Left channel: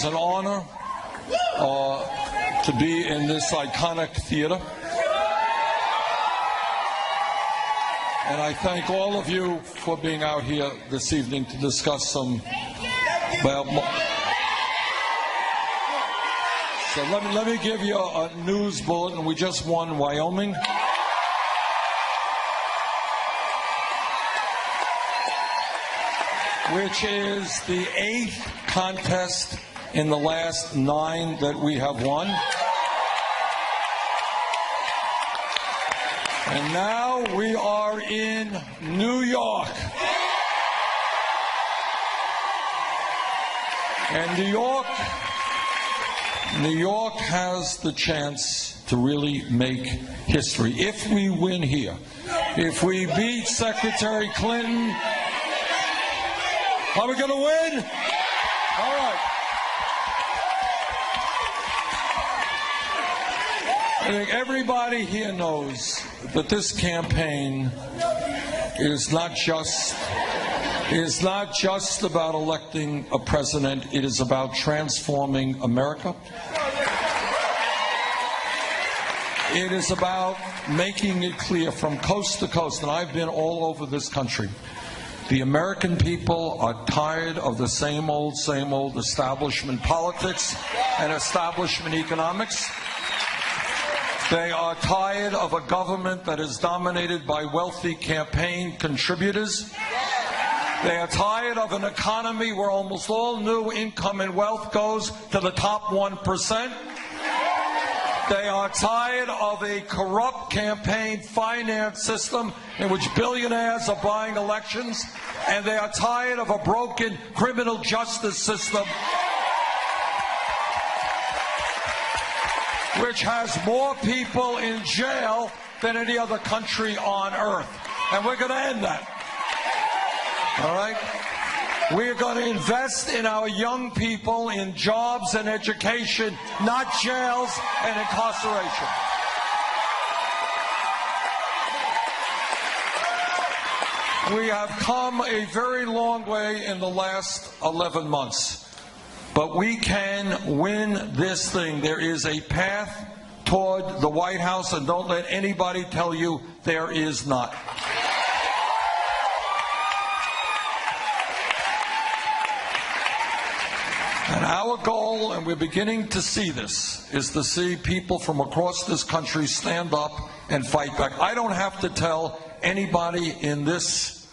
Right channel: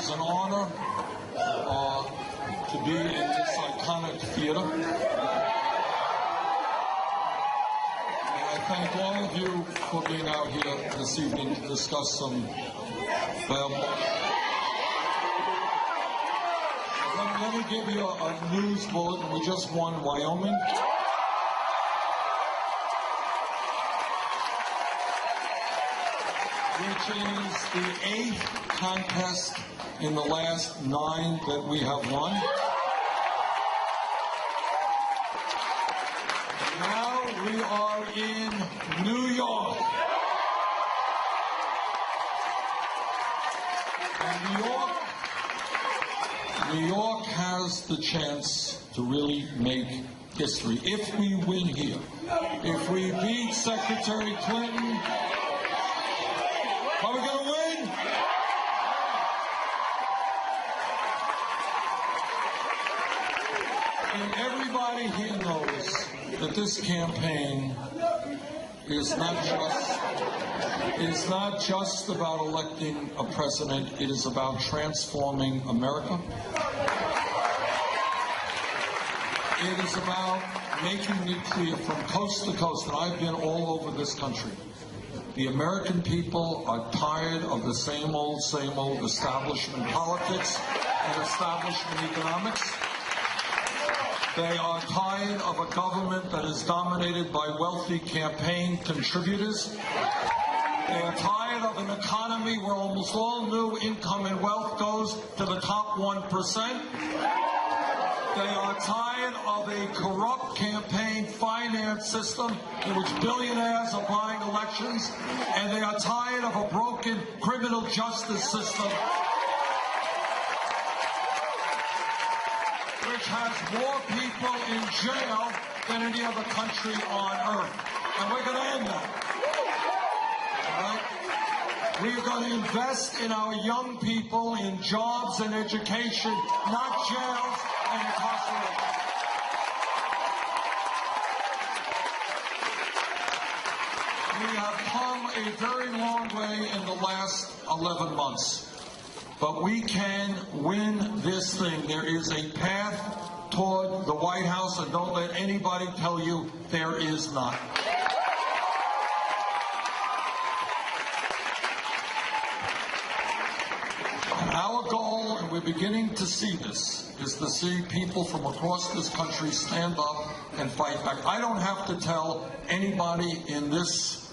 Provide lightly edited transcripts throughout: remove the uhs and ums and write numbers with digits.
is an honor to be in this iconic theater. And I thank all of you for being out here this evening to discuss some, well, so let me give you a news bulletin. We just won Wyoming. Which is the 8th contest in the last 9 that we have won. And now we are in New York. And New York has the chance to really make history. If we win here, if we beat Secretary Clinton, are we going to win? All right. I think everybody here knows that this campaign is not just about electing a president. It is about transforming America. It is about making it clear from coast to coast, and I've been all over this country. The American people are tired of the same old establishment politics and establishment economics. They are tired of a government that is dominated by wealthy campaign contributors. They are tired of an economy where almost all new income and wealth goes to the top 1%. They are tired of a corrupt campaign finance system in which billionaires are buying elections, and they are tired of a broken criminal justice system which has more people in jail than any other country on earth. And we're going to end that. All right? We're going to invest in our young people, in jobs and education, not jails and incarceration. We have come a very long way in the last 11 months, but we can win this thing. There is a path toward the White House, and don't let anybody tell you there is not. And our goal, and we're beginning to see this, is to see people from across this country stand up and fight back. I don't have to tell anybody in this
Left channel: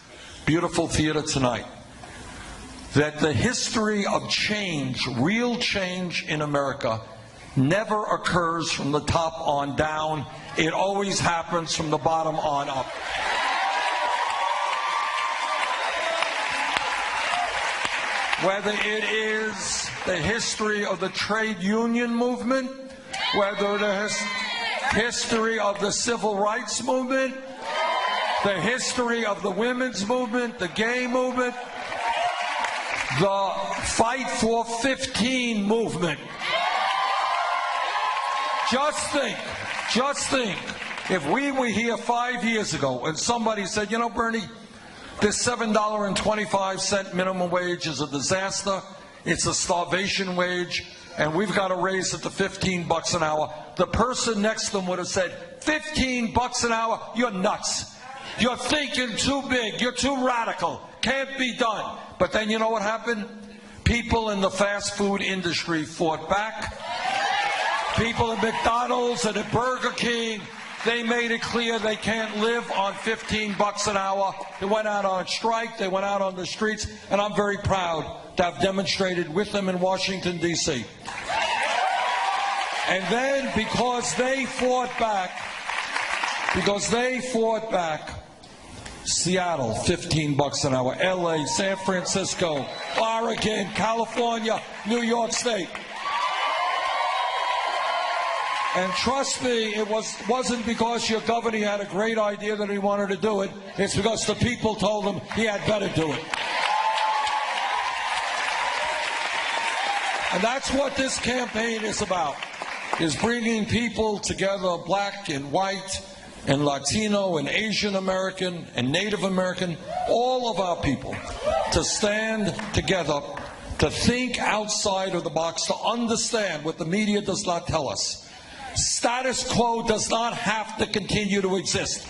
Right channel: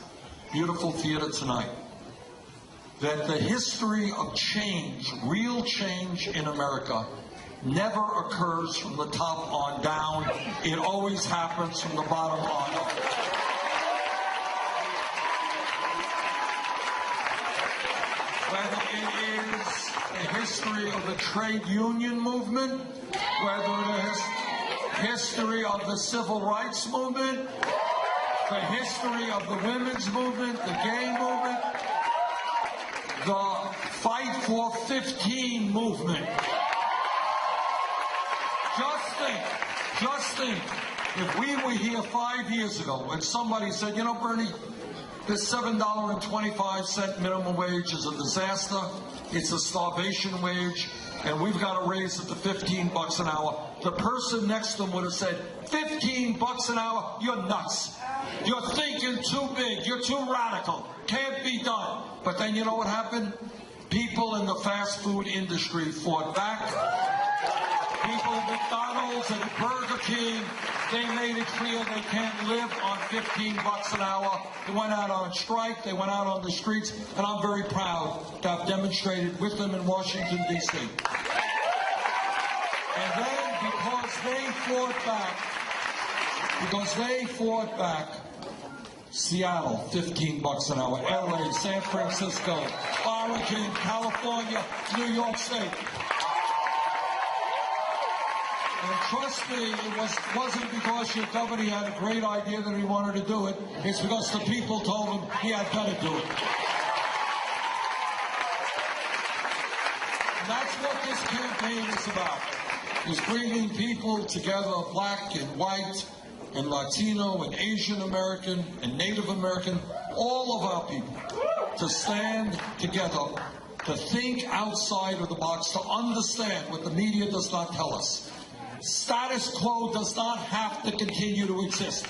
beautiful theater tonight that the history of change, real change in America, never occurs from the top on down. It always happens from the bottom on up. Whether it is the history of the trade union movement, whether it is history of the civil rights movement, the history of the women's movement, the gay movement, the Fight for 15 movement. Just think, if we were here 5 years ago and somebody said, you know, Bernie, this $7.25 minimum wage is a disaster, it's a starvation wage, and we've got to raise it to $15 an hour, the person next to them would have said, $15 an hour? You're nuts. You're thinking too big. You're too radical. Can't be done. But then you know what happened? People in the fast food industry fought back. People at McDonald's and at Burger King, they made it clear they can't live on $15 an hour. They went out on strike. They went out on the streets. And I'm very proud to have demonstrated with them in Washington, D.C. And then, because they fought back, Seattle, $15 an hour, LA, San Francisco, Oregon, California, New York State. And trust me, it wasn't because your governor had a great idea that he wanted to do it. It's because the people told him he had better do it. And that's what this campaign is about, is bringing people together, black and white and Latino and Asian American and Native American, all of our people, to stand together to think outside of the box, to understand what the media does not tell us. Status quo does not have to continue to exist.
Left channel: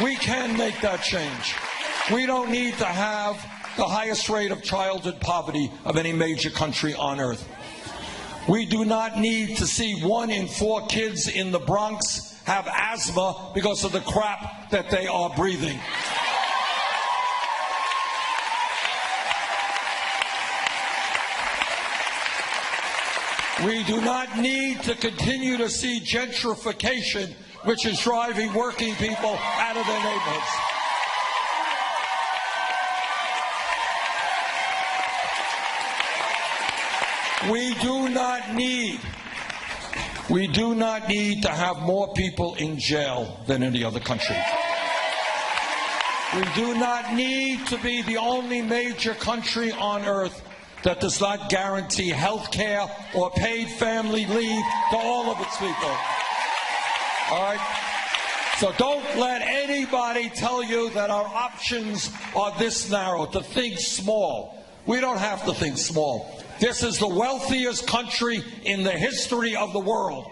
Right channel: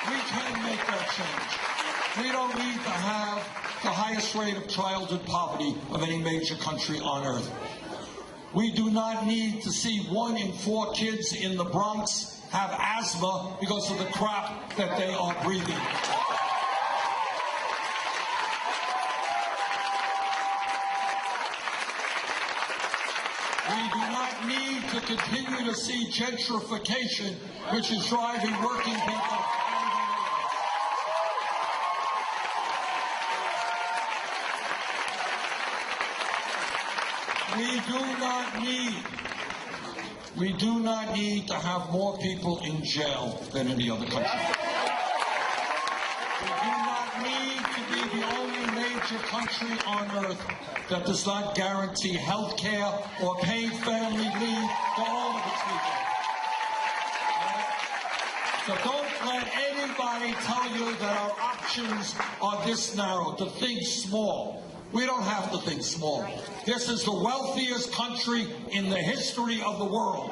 We can make that change. We don't need to have the highest rate of childhood poverty of any major country on earth. We do not need to see 1 in 4 kids in the Bronx have asthma because of the crap that they are breathing. We do not need to continue to see gentrification, which is driving working people out of their neighborhoods. We do not need to have more people in jail than any other country. We do not need to be the only major country on earth that does not guarantee health care or paid family leave to all of its people. All right? So don't let anybody tell you that our options are this narrow, to think small. We don't have to think small. This is the wealthiest country in the history of the world.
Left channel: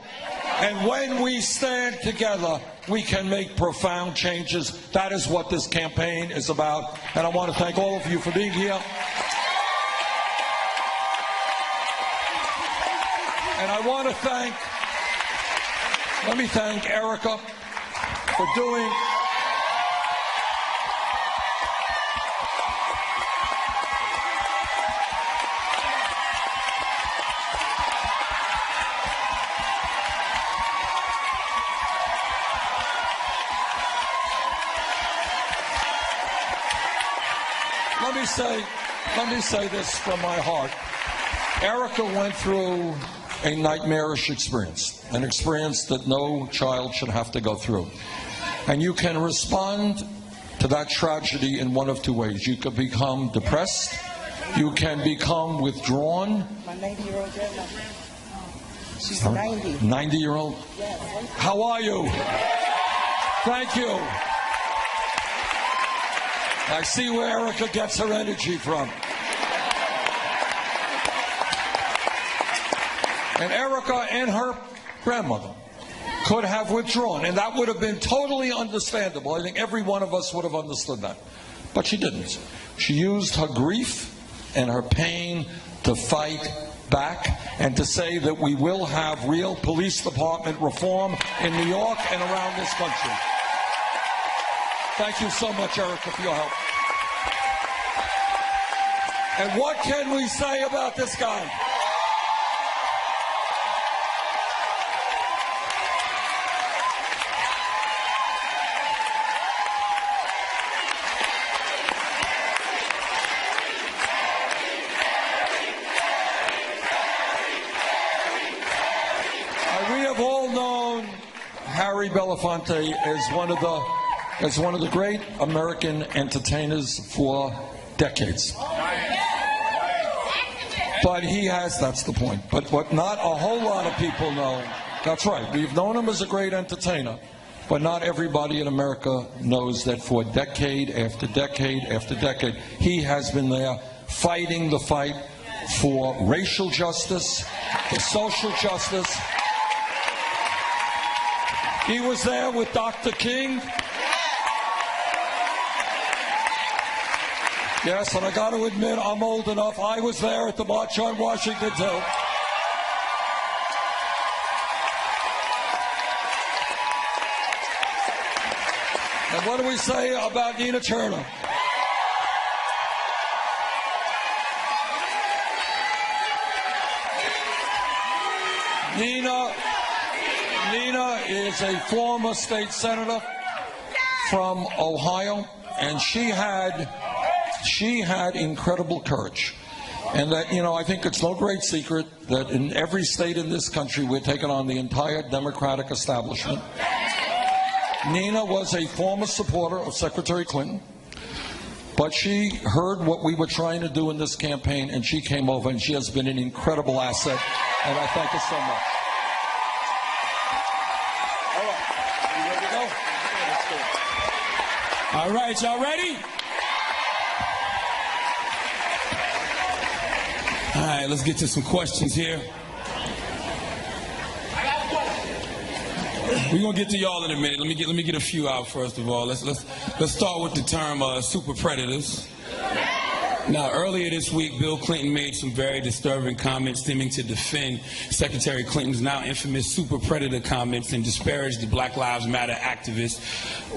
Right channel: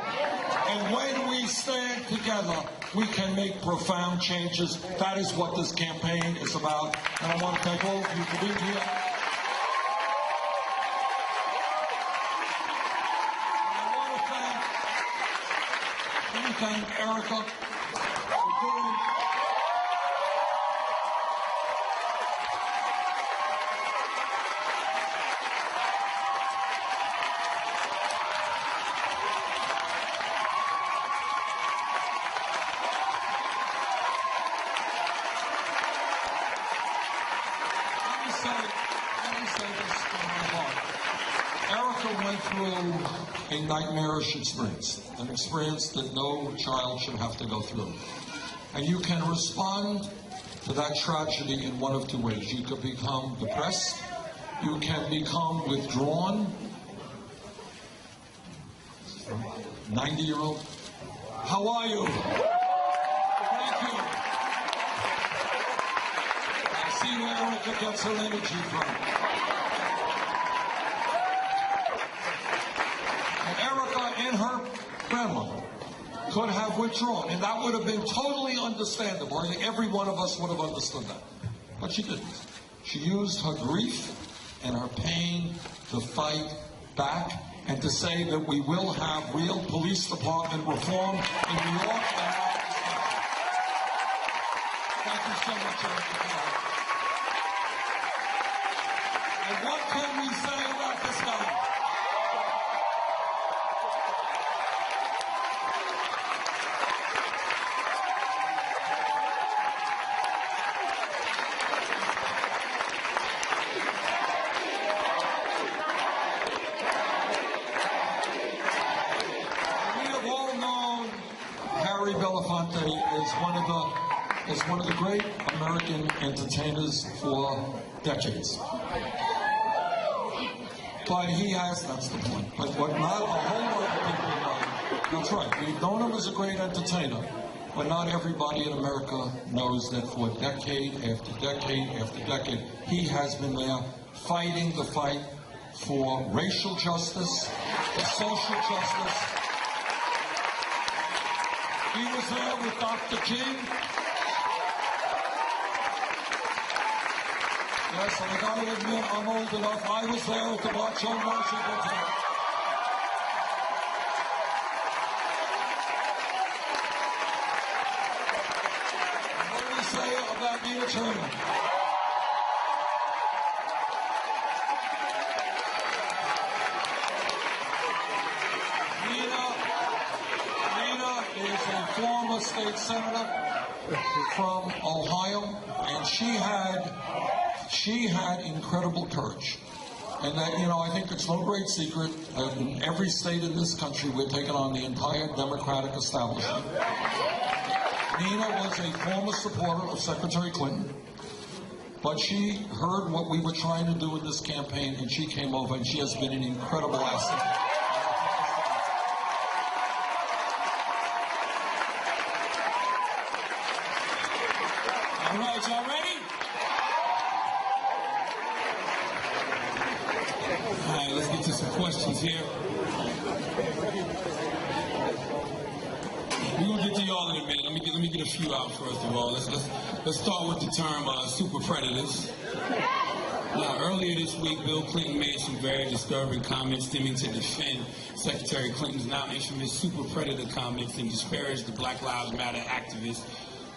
And when we stand together, we can make profound changes. That is what this campaign is about. And I want to thank all of you for being here. And I want to let me thank Erica for doing Let me say this from my heart. Erica went through a nightmarish experience, an experience that no child should have to go through. And you can respond to that tragedy in one of 2 ways. You could become depressed, you can become withdrawn. My 90-year-old grandma. She's 90. 90-year-old? Yes. How are you? Thank you. I see where Erica gets her energy from. And Erica and her grandmother could have withdrawn, and that would have been totally understandable. I think every one of us would have understood that. But she didn't. She used her grief and her pain to fight back and to say that we will have real police department reform in New York and around this country. Thank you so much, Erica, for your help. And what can we say about this guy? We have all known Harry Belafonte as one of the great American entertainers for decades. But he has, that's the point. But what not a whole lot of people know, that's right, we've known him as a great entertainer, but not everybody in America knows that for decade after decade after decade, he has been there fighting the fight for racial justice, for social justice. He was there with Dr. King. Yes, and I got to admit, I'm old enough. I was there at the March on Washington, too. And what do we say about Nina Turner? Nina is a former state senator from Ohio, and she had incredible courage. And that, I think it's no great secret that in every state in this country, we're taking on the entire Democratic establishment. Nina was a former supporter of Secretary Clinton, but she heard what we were trying to do in this campaign, and she came over, and she has been an incredible asset, and I thank her so much. All right, y'all ready? All right, let's get to some questions here. We're gonna get to y'all in a minute. Let me get a few out first of all. Let's start with the term super predators. Now, earlier this week, Bill Clinton made some very disturbing comments seeming to defend Secretary Clinton's now infamous super predator comments and disparage the Black Lives Matter activists.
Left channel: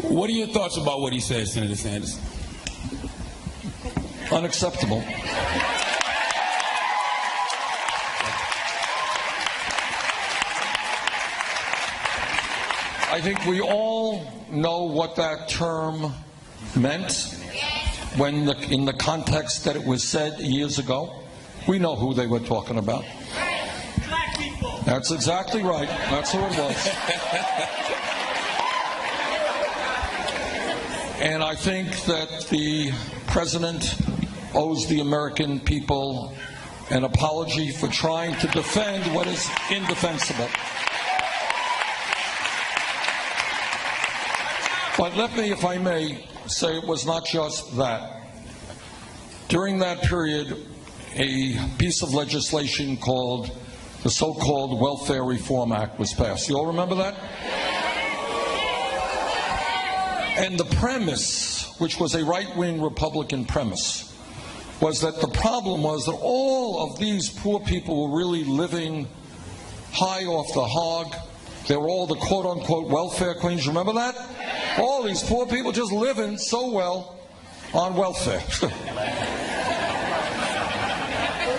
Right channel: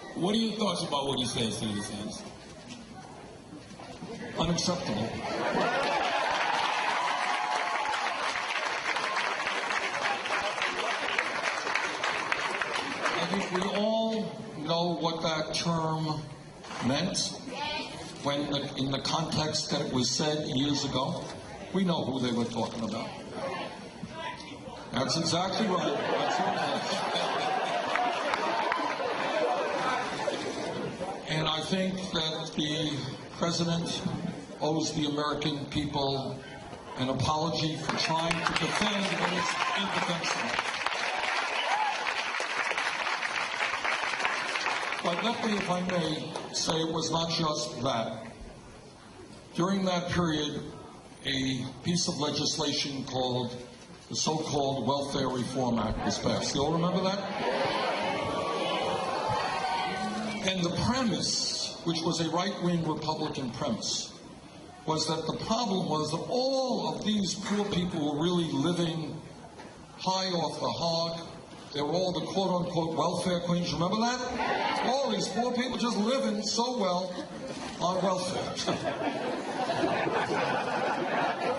What are your thoughts about what he said, Senator Sanders? Unacceptable. I think we all know what that term meant when in the context that it was said years ago. We know who they were talking about. That's exactly right. That's who it was. And I think that the president owes the American people an apology for trying to defend what is indefensible. But let me, if I may, say it was not just that. During that period, a piece of legislation called the so-called Welfare Reform Act was passed. You all remember that? And the premise, which was a right-wing Republican premise, was that the problem was that all of these poor people were really living high off the hog. They were all the quote-unquote welfare queens. Remember that? All these poor people just living so well on welfare.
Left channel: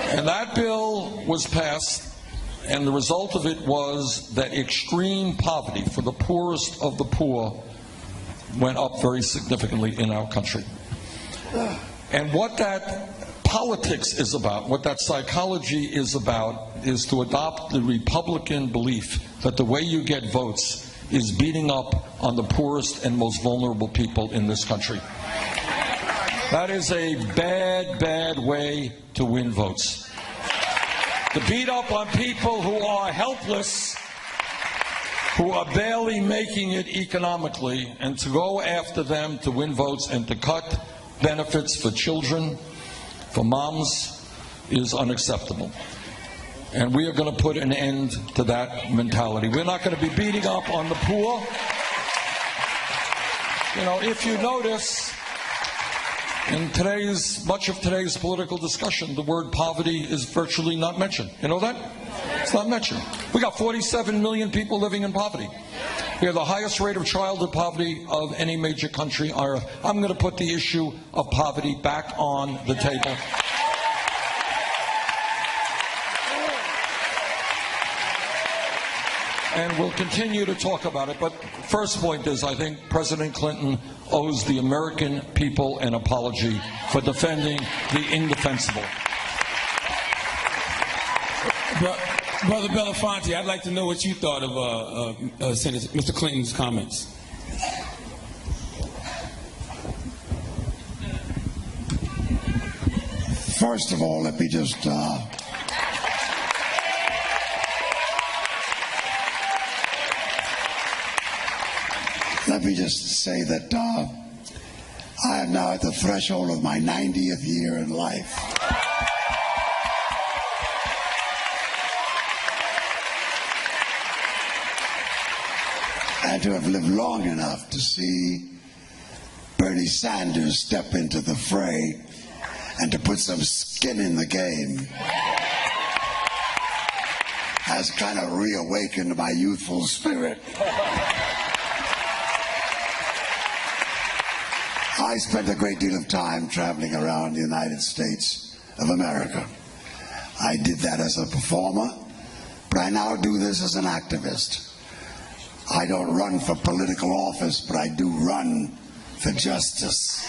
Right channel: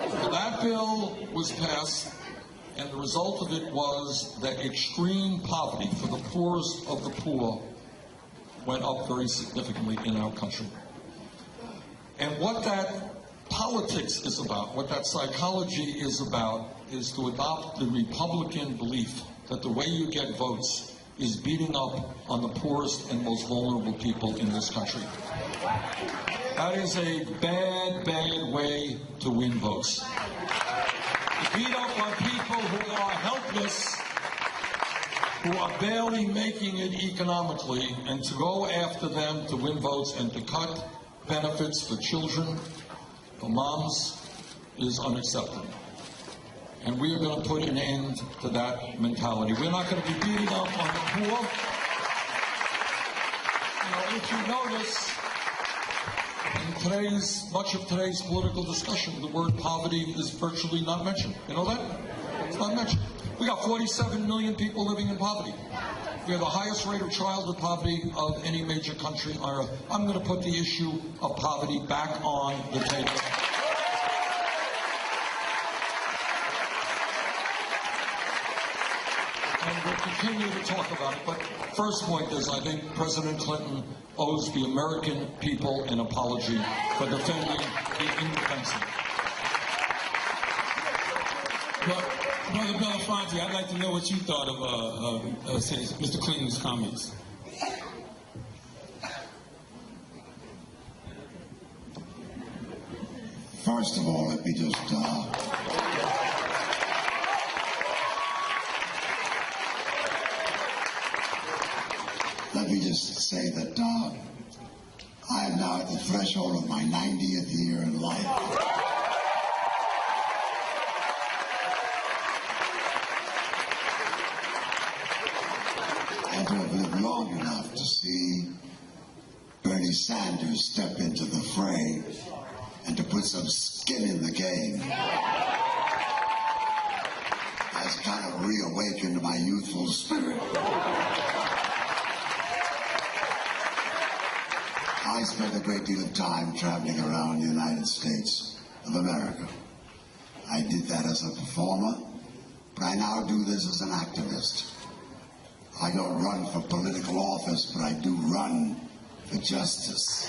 And that bill was passed, and the result of it was that extreme poverty for the poorest of the poor went up very significantly in our country. And what that politics is about, what that psychology is about, is to adopt the Republican belief that the way you get votes is beating up on the poorest and most vulnerable people in this country. That is a bad, bad way to win votes. To beat up on people who are helpless, who are barely making it economically, and to go after them to win votes and to cut benefits for children, for moms, is unacceptable. And we are going to put an end to that mentality. We're not going to be beating up on the poor. You know, if you notice, in much of today's political discussion, the word poverty is virtually not mentioned. You know that? It's not mentioned. We got 47 million people living in poverty. We have the highest rate of childhood poverty of any major country on earth. I'm going to put the issue of poverty back on the table. And we'll continue to talk about it. But first point is, I think President Clinton owes the American people an apology for defending the indefensible. Brother Belafonte, I'd like to know what you thought of Senator Mr. Clinton's comments. First of all, let me just say that I am now at the threshold of my 90th year in life. And to have lived long enough to see Bernie Sanders step into the fray and to put some skin in the game has kind of reawakened my youthful spirit. I spent a great deal of time traveling around the United States of America. I did that as a performer, but I now do this as an activist. I don't run for political office, but I do run for justice.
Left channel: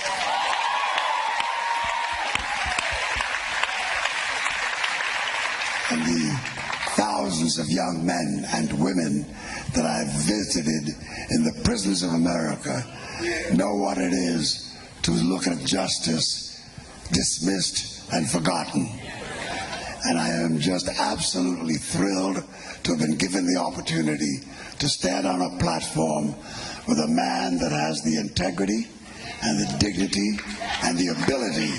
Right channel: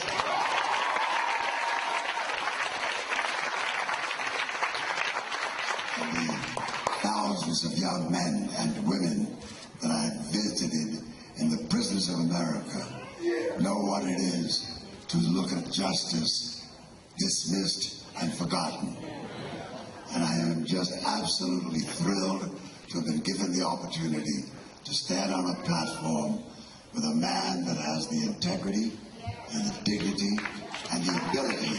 And the thousands of young men and women that I've visited in the prisons of America know what it is to look at justice dismissed and forgotten. And I am just absolutely thrilled to have been given the opportunity to stand on a platform with a man that has the integrity and the dignity and the ability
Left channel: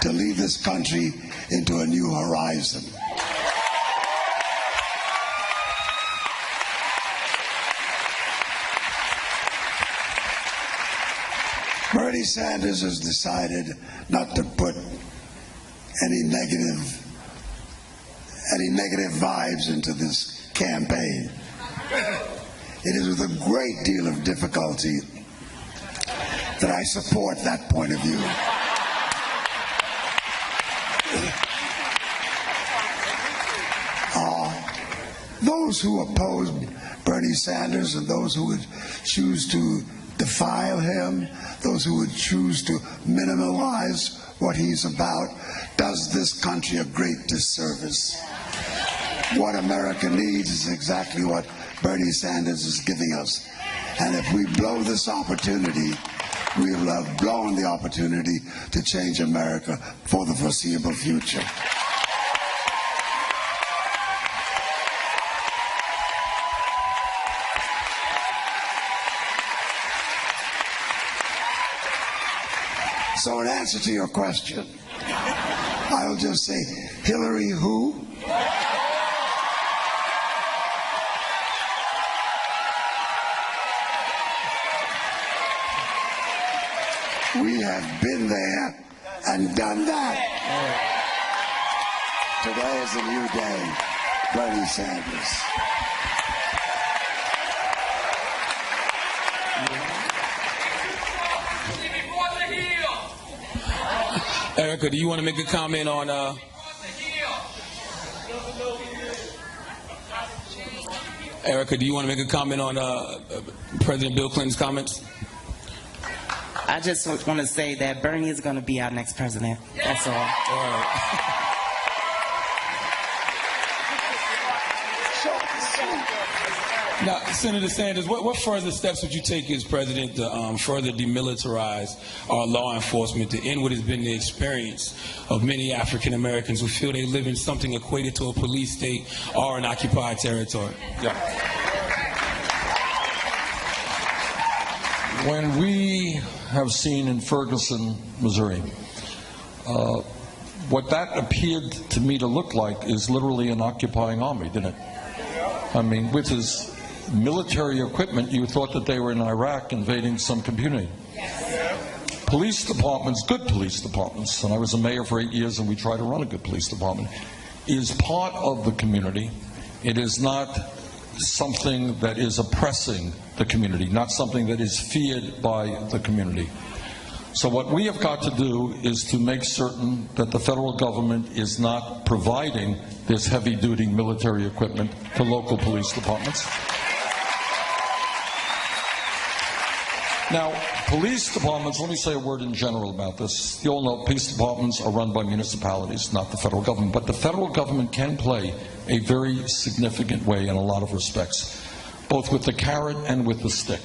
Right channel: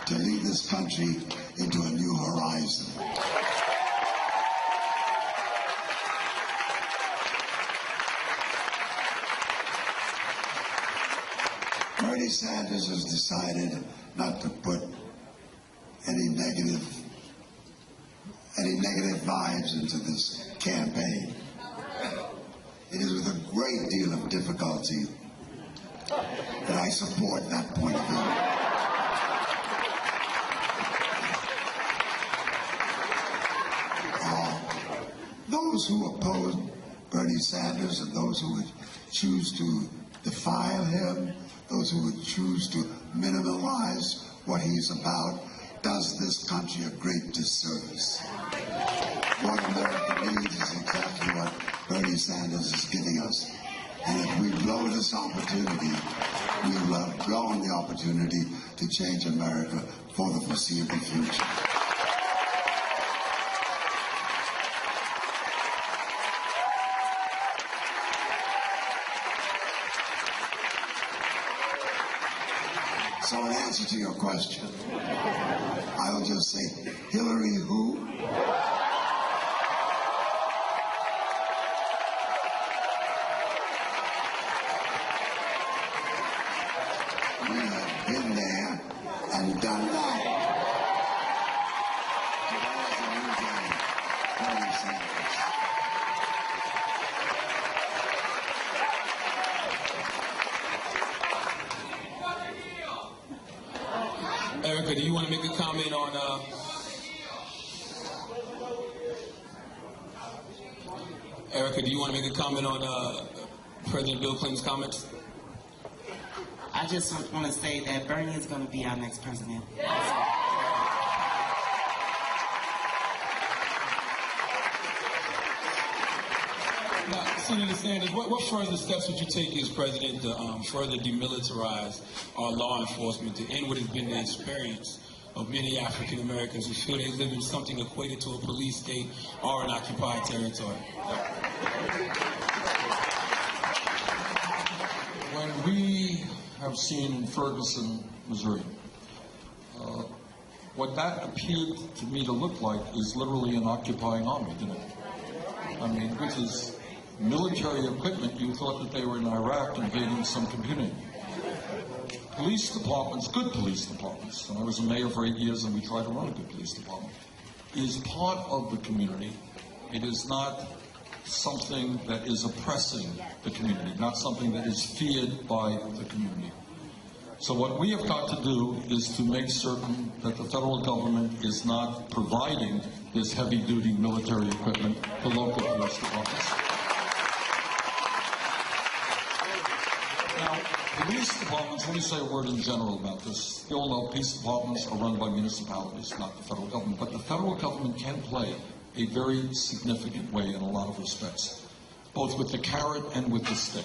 to lead this country into a new horizon. Bernie Sanders has decided not to put any negative vibes into this campaign. It is with a great deal of difficulty that I support that point of view. Those who oppose Bernie Sanders and those who would choose to defile him, those who would choose to minimalize what he's about, does this country a great disservice. What America needs is exactly what Bernie Sanders is giving us. And if we blow this opportunity, we will have blown the opportunity to change America for the foreseeable future. So in answer to your question, I'll just say, Hillary who? We have been there and done that. Today is a new day, Bernie Sanders. Erica, do you want to make a comment on Erica, do you want to make a comment on President Bill Clinton's comments? I just want to say that Bernie is going to be our next president. That's all. All right. Now, Senator Sanders, what further steps would you take as president to further demilitarize our law enforcement to end what has been the experience of many African Americans who feel they live in something equated to a police state or an occupied territory? Yeah. When we have seen in Ferguson, Missouri, what that appeared to me to look like is literally an occupying army, didn't it? I mean, with his military equipment, you thought that they were in Iraq invading some community. Police departments, good police departments, and I was a mayor for 8 years and we tried to run a good police department, is part of the community. It is not something that is oppressing the community, not something that is feared by the community. So what we have got to do is to make certain that the federal government is not providing this heavy-duty military equipment to local police departments. Now, police departments, let me say a word in general about this. You all know police departments are run by municipalities, not the federal government. But the federal government can play a very significant way in a lot of respects, both with the carrot and with the stick.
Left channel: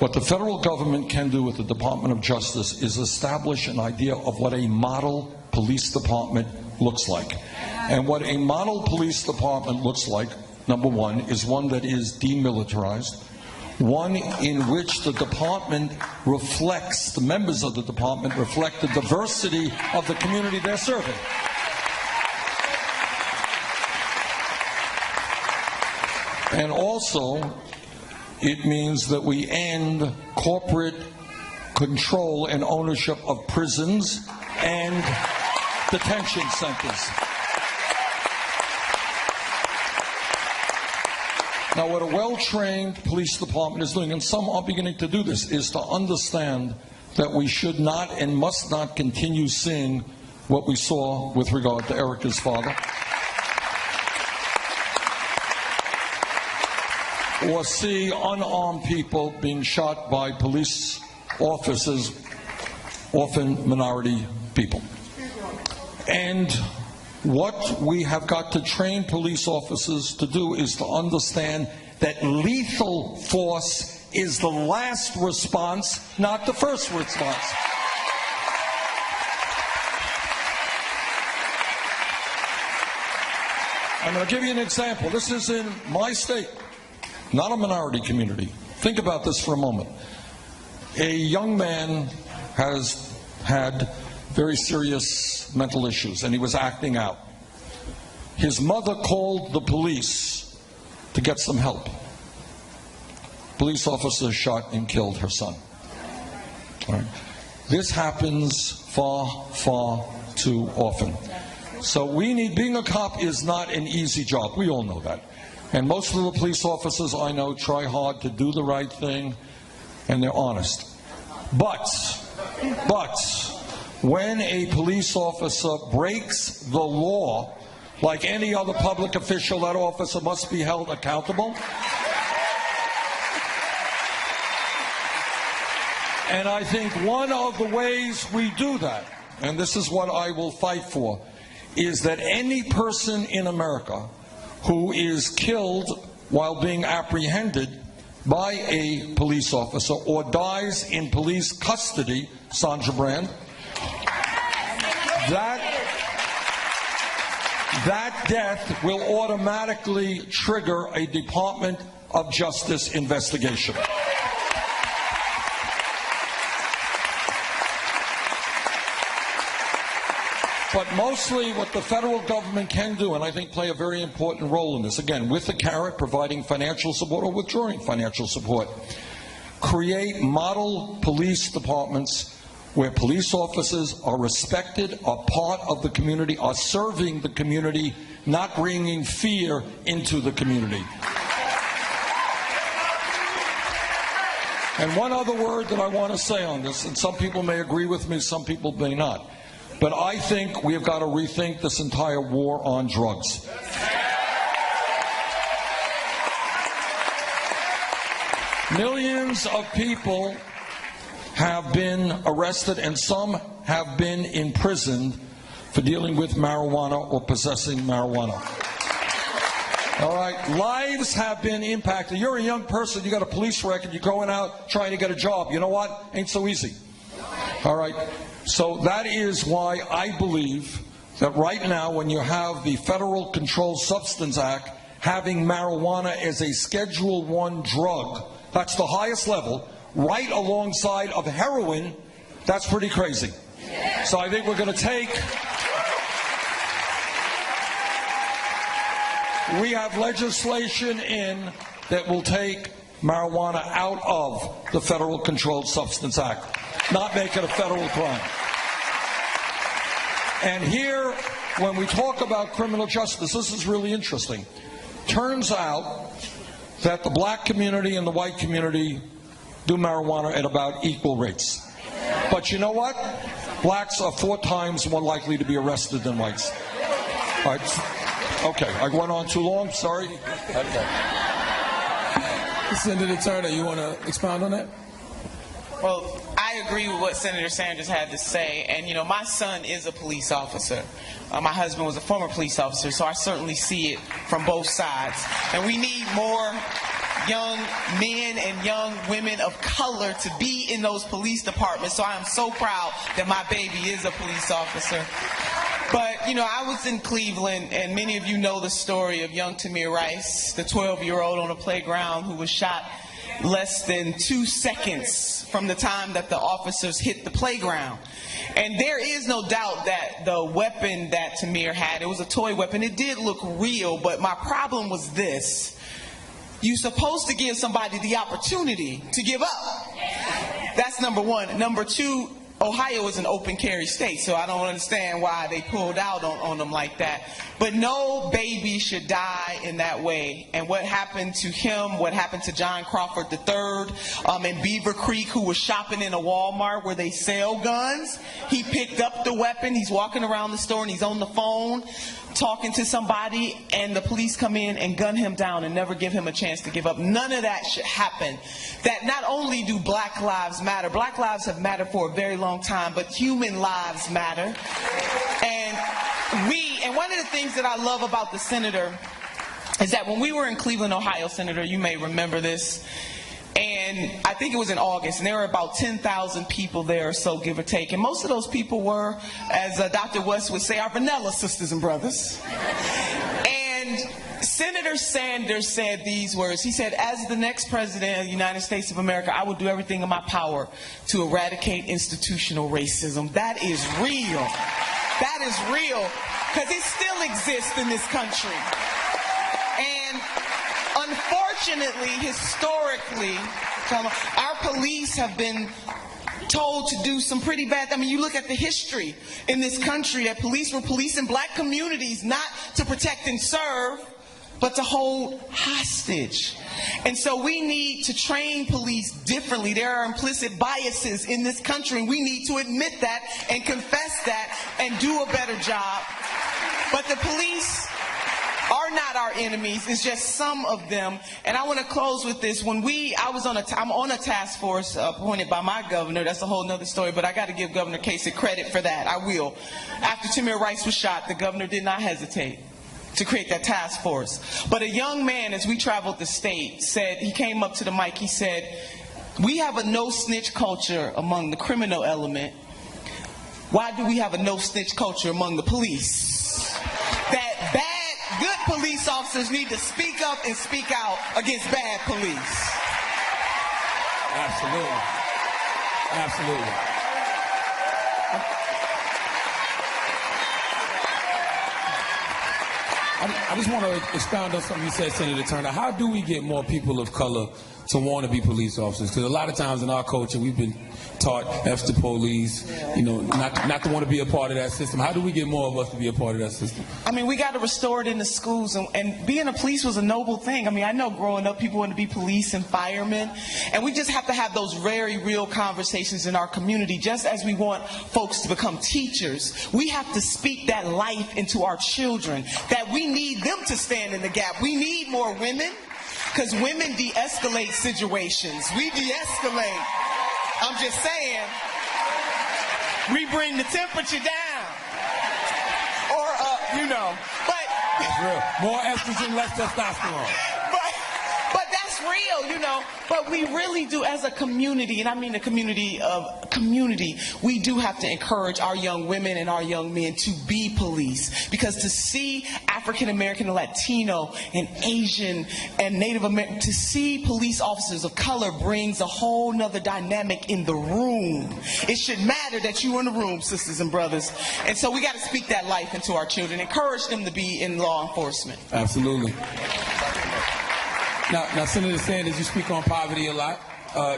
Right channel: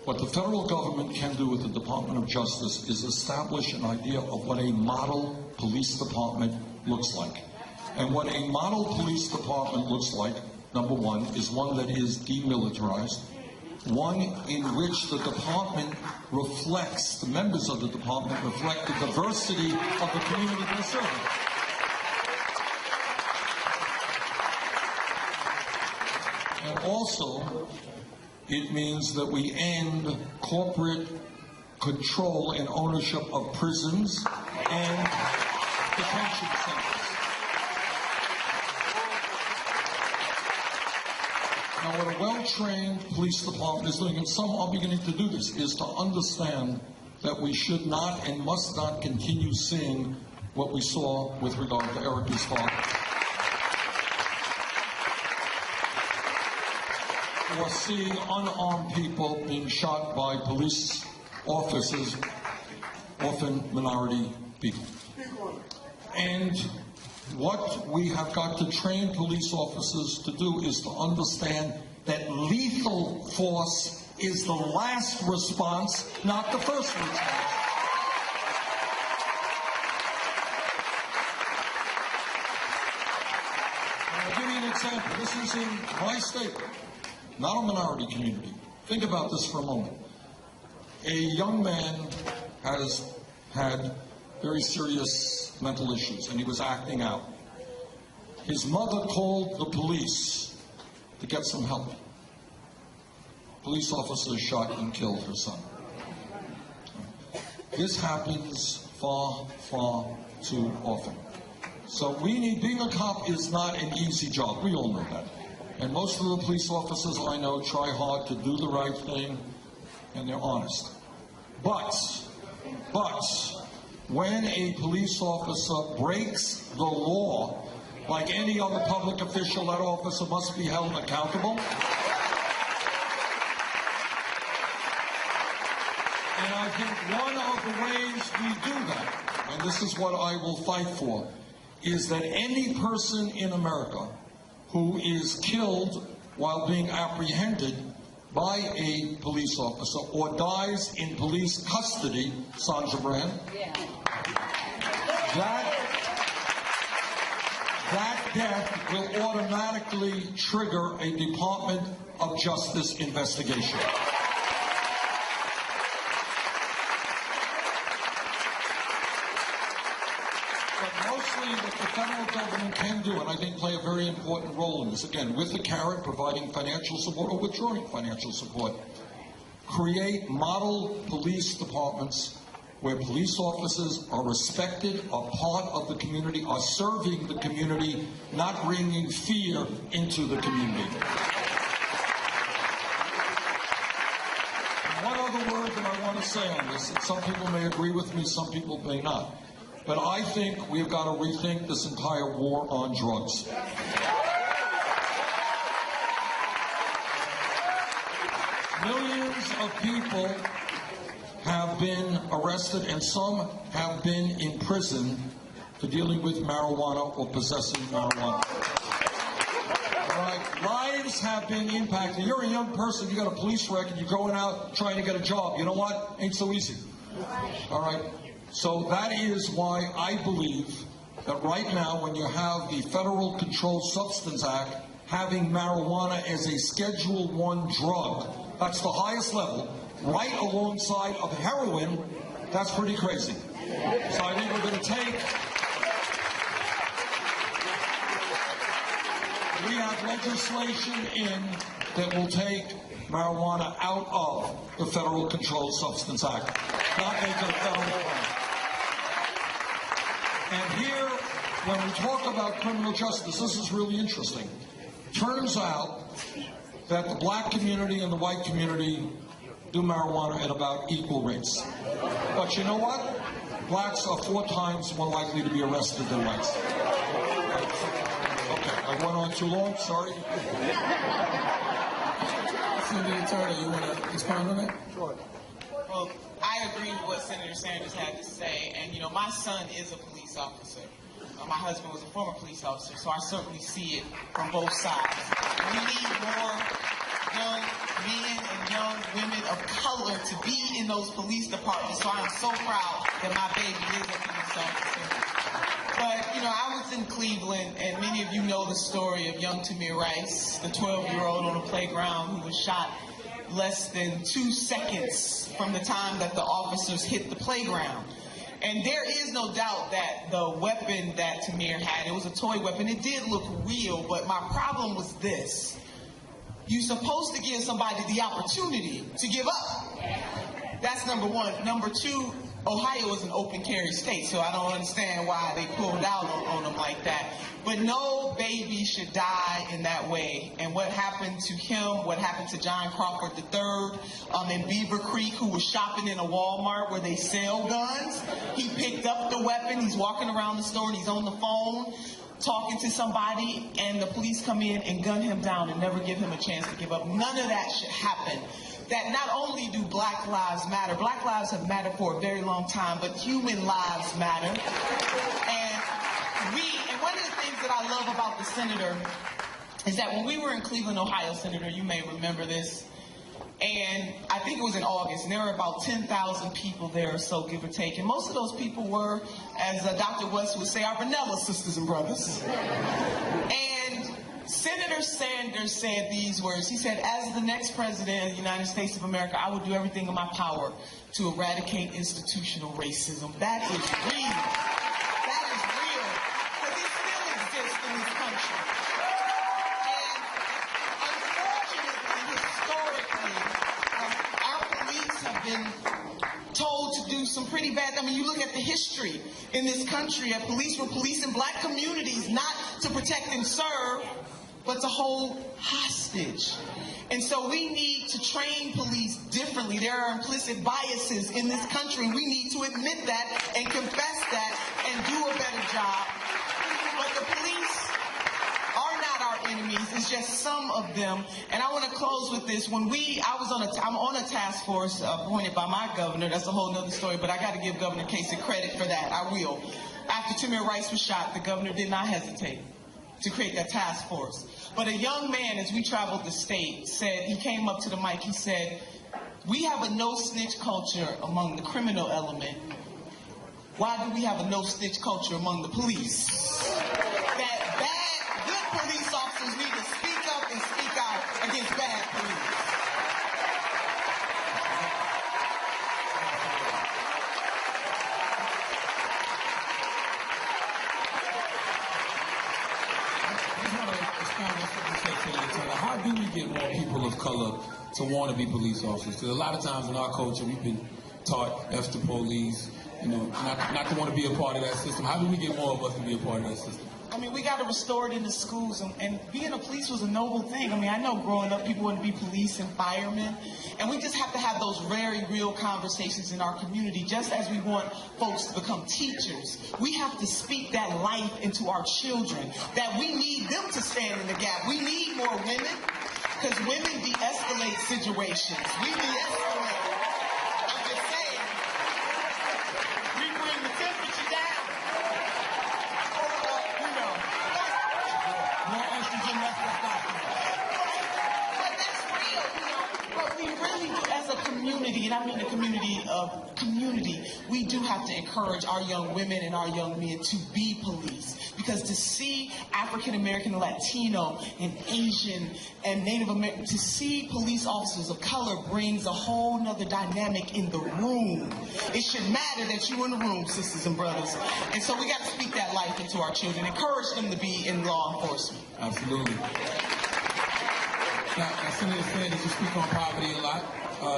What the federal government can do with the Department of Justice is establish an idea of what a model police department looks like. And what a model police department looks like, number one, is one that is demilitarized, one in which the department reflects, the members of the department reflect the diversity of the community they're serving. And also, it means that we end corporate control and ownership of prisons and detention centers. Now, what a well-trained police department is doing, and some are beginning to do this, is to understand that we should not and must not continue seeing what we saw with regard to Erica's father, or see unarmed people being shot by police officers, often minority people. And what we have got to train police officers to do is to understand that lethal force is the last response, not the first response. I'm going to give you an example. This is in my state, not a minority community. Think about this for a moment. A young man has had very serious mental issues, and he was acting out. His mother called the police to get some help. Police officer shot and killed her son. All right. This happens far, far too often. So being a cop is not an easy job. We all know that. And most of the police officers I know try hard to do the right thing, and they're honest. But, when a police officer breaks the law, like any other public official, that officer must be held accountable. And I think one of the ways we do that, and this is what I will fight for, is that any person in America who is killed while being apprehended by a police officer or dies in police custody, Sandra Brand, that death will automatically trigger a Department of Justice investigation. But mostly what the federal government can do, and I think play a very important role in this, again, with the carrot, providing financial support or withdrawing financial support, create model police departments where police officers are respected, are part of the community, are serving the community, not bringing fear into the community. And one other word that I want to say on this, and some people may agree with me, some people may not, but I think we've got to rethink this entire war on drugs. Millions of people have been arrested, and some have been in prison for dealing with marijuana or possessing marijuana. All right, lives have been impacted. You're a young person, you got a police record, you're going out trying to get a job. You know what? Ain't so easy. All right. So that is why I believe that right now, when you have the Federal Controlled Substance Act having marijuana as a Schedule I drug, that's the highest level, right alongside of heroin, that's pretty crazy. So I think we're going to take, we have legislation in that will take marijuana out of the Federal Controlled Substance Act, not make it a federal crime. And here, when we talk about criminal justice, this is really interesting. Turns out that the black community and the white community do marijuana at about equal rates. But you know what? Blacks are 4 times more likely to be arrested than whites. All right. Okay, I went on too long, sorry. Senator Turner, you want to expound on that? Well, I agree with what Senator Sanders had to say. And, you know, my son is a police officer. My husband was a former police officer, so I certainly see it from both sides. And we need more young men and young women of color to be in those police departments. So I'm so proud that my baby is a police officer. But, you know, I was in Cleveland, and many of you know the story of young Tamir Rice, the 12-year-old on a playground who was shot less than 2 seconds from the time that the officers hit the playground. And there is no doubt that the weapon that Tamir had, it was a toy weapon. It did look real, but my problem was this. You're supposed to give somebody the opportunity to give up. That's number one. Number two, Ohio is an open carry state, so I don't understand why they pulled out on them like that. But no baby should die in that way. And what happened to him, what happened to John Crawford III in Beaver Creek, who was shopping in a Walmart where they sell guns, he picked up the weapon, he's walking around the store and he's on the phone talking to somebody, and the police come in and gun him down and never give him a chance to give up. None of that should happen. That not only do black lives matter, black lives have mattered for a very long time, but human lives matter. And one of the things that I love about the senator is that when we were in Cleveland, Ohio, Senator, you may remember this, and I think it was in August, and there were about 10,000 people there or so, give or take. And most of those people were, as Dr. West would say, our vanilla sisters and brothers. And Senator Sanders said these words. He said, as the next president of the United States of America, I will do everything in my power to eradicate institutional racism. That is real. That is real, because it still exists in this country. And unfortunately, historically, our police have been told to do some pretty bad. I mean, you look at the history in this country, that police were policing black communities not to protect and serve, but to hold hostage. And so we need to train police differently. There are implicit biases in this country. We need to admit that and confess that and do a better job. But the police are not our enemies. It's just some of them. And I want to close with this. I'm on a task force appointed by my governor. That's a whole other story, but I got to give Governor Kasich credit for that. I will. After Tamir Rice was shot, the governor did not hesitate to create that task force. But a young man, as we traveled the state, said, he came up to the mic, he said, we have a no-snitch culture among the criminal element. Why do we have a no-snitch culture among the police? That good police officers need to speak up and speak out against bad police. Absolutely. Absolutely. I just want to expound on something you said, Senator Turner. How do we get more people of color to want to be police officers? Because a lot of times in our culture, we've been taught F the police, not to want to be a part of that system. How do we get more of us to be a part of that system? I mean, we got to restore it in the schools, and being a police was a noble thing. I mean, I know growing up, people wanted to be police and firemen, and we just have to have those very real conversations in our community, just as we want folks to become teachers. We have to speak that life into our children, that we need them to stand in the gap. We need more women, because women de-escalate situations. We de-escalate. I'm just saying, we bring the temperature down. Or up, But that's real. More estrogen, less testosterone. But that's real, But we really do, as a community, and I mean a community, we do have to encourage our young women and our young men to be police. Because to see African American and Latino and Asian and Native American, to see police officers of color brings a whole nother dynamic in the room. It should matter that you're in the room, sisters and brothers. And so we got to speak that life into our children, encourage them to be in law enforcement. Absolutely. Now, Senator Sanders, you speak on poverty a lot.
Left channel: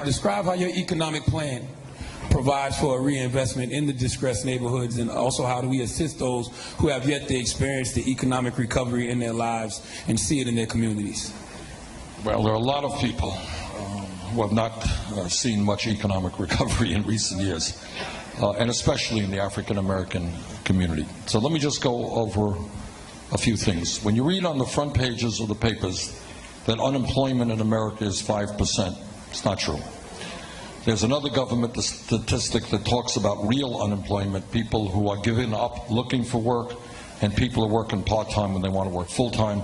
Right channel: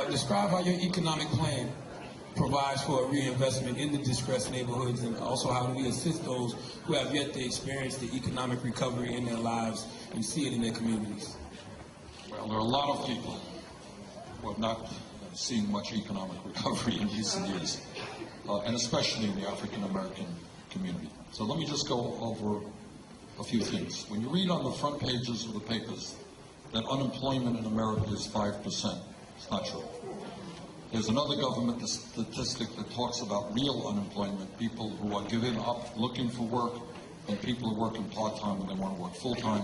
Describe how your economic plan provides for a reinvestment in the distressed neighborhoods, and also how do we assist those who have yet to experience the economic recovery in their lives and see it in their communities? Well, there are a lot of people who have not seen much economic recovery in recent years, and especially in the African American community. So let me just go over a few things. When you read on the front pages of the papers that unemployment in America is 5%, it's not true. There's another government statistic that talks about real unemployment, people who are giving up looking for work, and people are working part-time when they want to work full-time.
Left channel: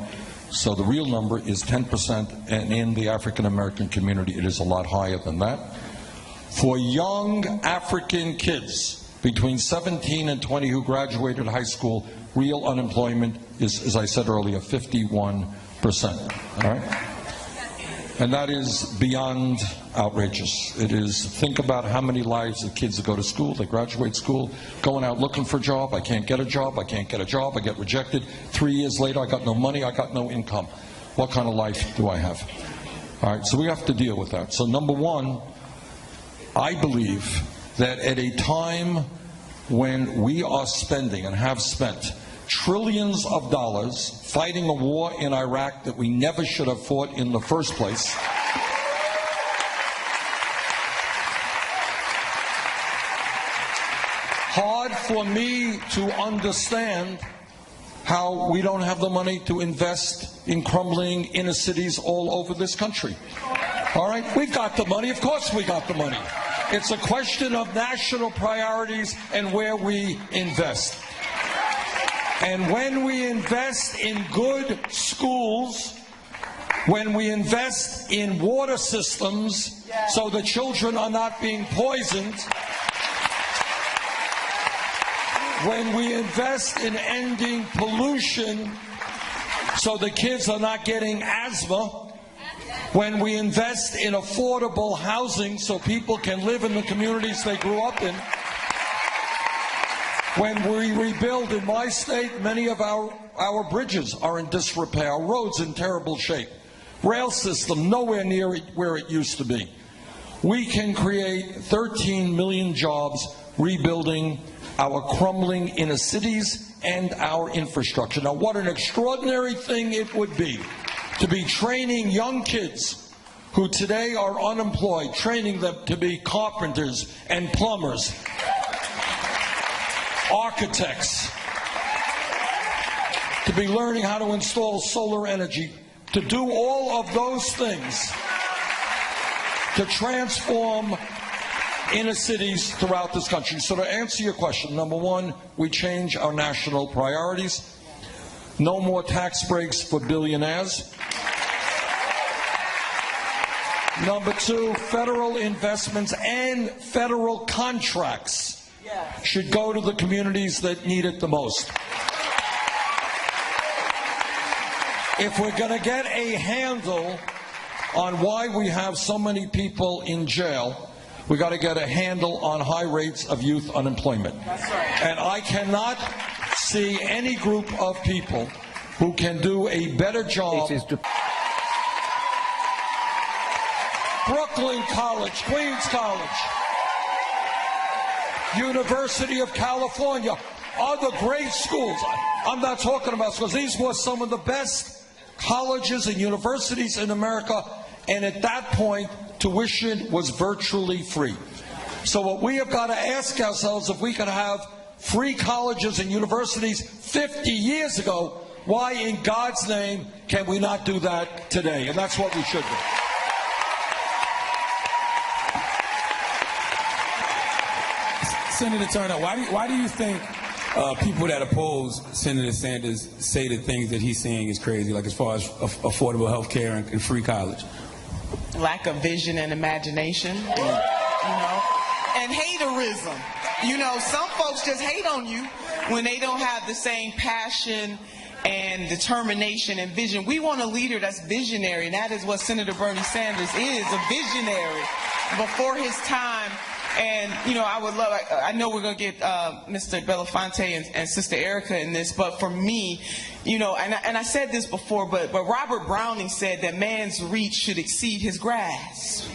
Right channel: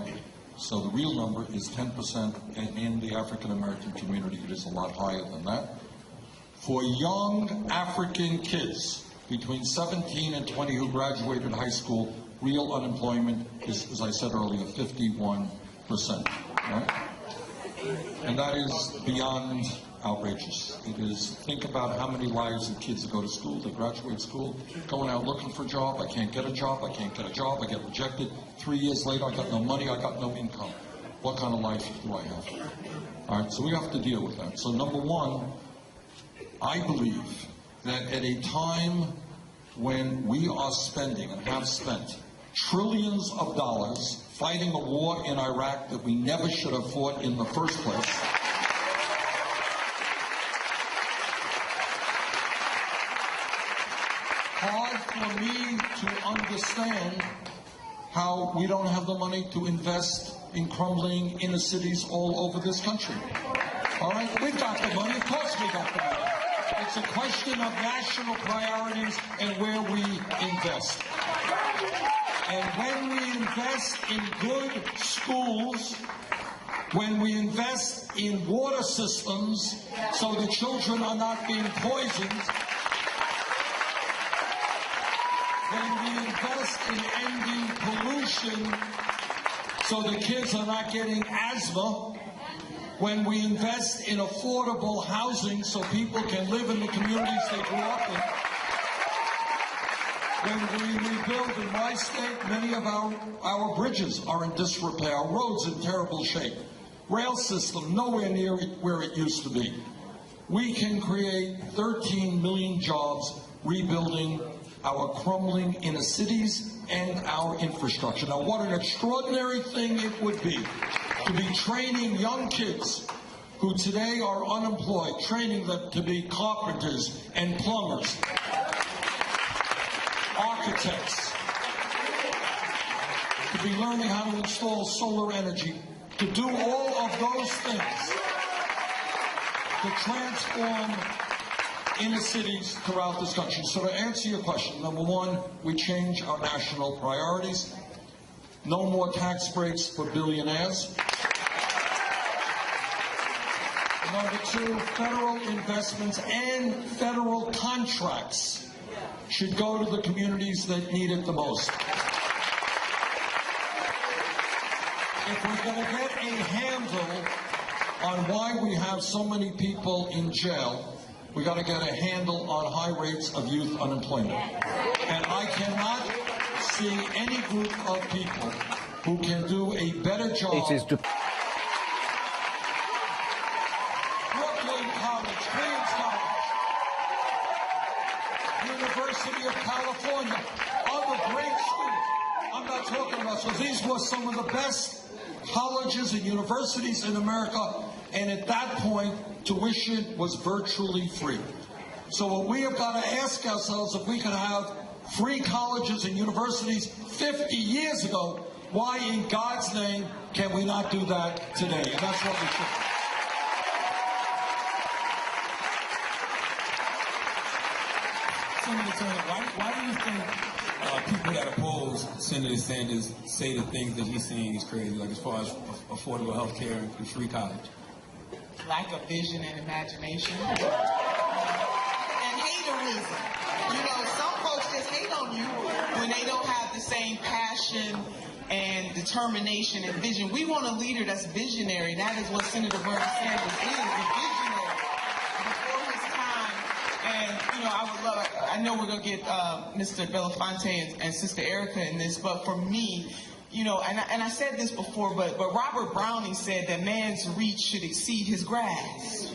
So the real number is 10%, and in the African American community it is a lot higher than that. For young African kids between 17 and 20 who graduated high school, real unemployment is, as I said earlier, 51%. Right? And that is beyond outrageous. It is, think about how many lives of kids that go to school, they graduate school, going out looking for a job, I can't get a job, I can't get a job, I get rejected. 3 years later, I got no money, I got no income. What kind of life do I have? All right, so we have to deal with that. So number one, I believe that at a time when we are spending and have spent trillions of dollars fighting a war in Iraq that we never should have fought in the first place, hard for me to understand how we don't have the money to invest in crumbling inner cities all over this country. All right, we've got the money. Of course we got the money. It's a question of national priorities and where we invest. And when we invest in good schools, when we invest in water systems so the children are not being poisoned, when we invest in ending pollution so the kids are not getting asthma, when we invest in affordable housing so people can live in the communities they grew up in, when we rebuild in my state, many of our bridges are in disrepair, our roads in terrible shape, rail system nowhere near where it used to be. We can create 13 million jobs rebuilding our crumbling inner cities and our infrastructure. Now, what an extraordinary thing it would be to be training young kids who today are unemployed, training them to be carpenters and plumbers, architects, to be learning how to install solar energy, to do all of those things to transform inner cities throughout this country. So to answer your question, number one, we change our national priorities. No more tax breaks for billionaires. Number two, federal investments and federal contracts should go to the communities that need it the most. If we're going to get a handle on why we have so many people in jail, we got to get a handle on high rates of youth unemployment. And I cannot see any group of people who can do a better job. Brooklyn College, Queens College, University of California, other great schools. I'm not talking about schools. These were some of the best colleges and universities in America, and at that point, tuition was virtually free. So what we have got to ask ourselves, if we can have free colleges and universities 50 years ago, why in God's name can we not do that today? And that's what we should do. Senator Turner, why do you think people that oppose Senator Sanders say the things that he's saying is crazy, like as far as affordable health care and free college? Lack of vision and imagination, and haterism. Some folks just hate on you when they don't have the same passion and determination and vision. We want a leader that's visionary, and that is what Senator Bernie Sanders is, a visionary before his time. And, I know we're going to get Mr. Belafonte and Sister Erica in this, but for me, and I said this before, but Robert Browning said that man's reach should exceed his grasp.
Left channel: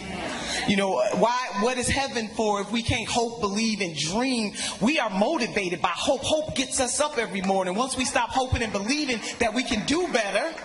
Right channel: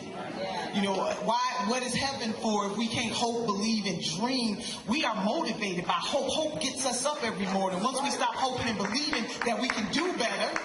What is heaven for if we can't hope, believe, and dream? We are motivated by hope. Hope gets us up every morning. Once we stop hoping and believing that we can do better,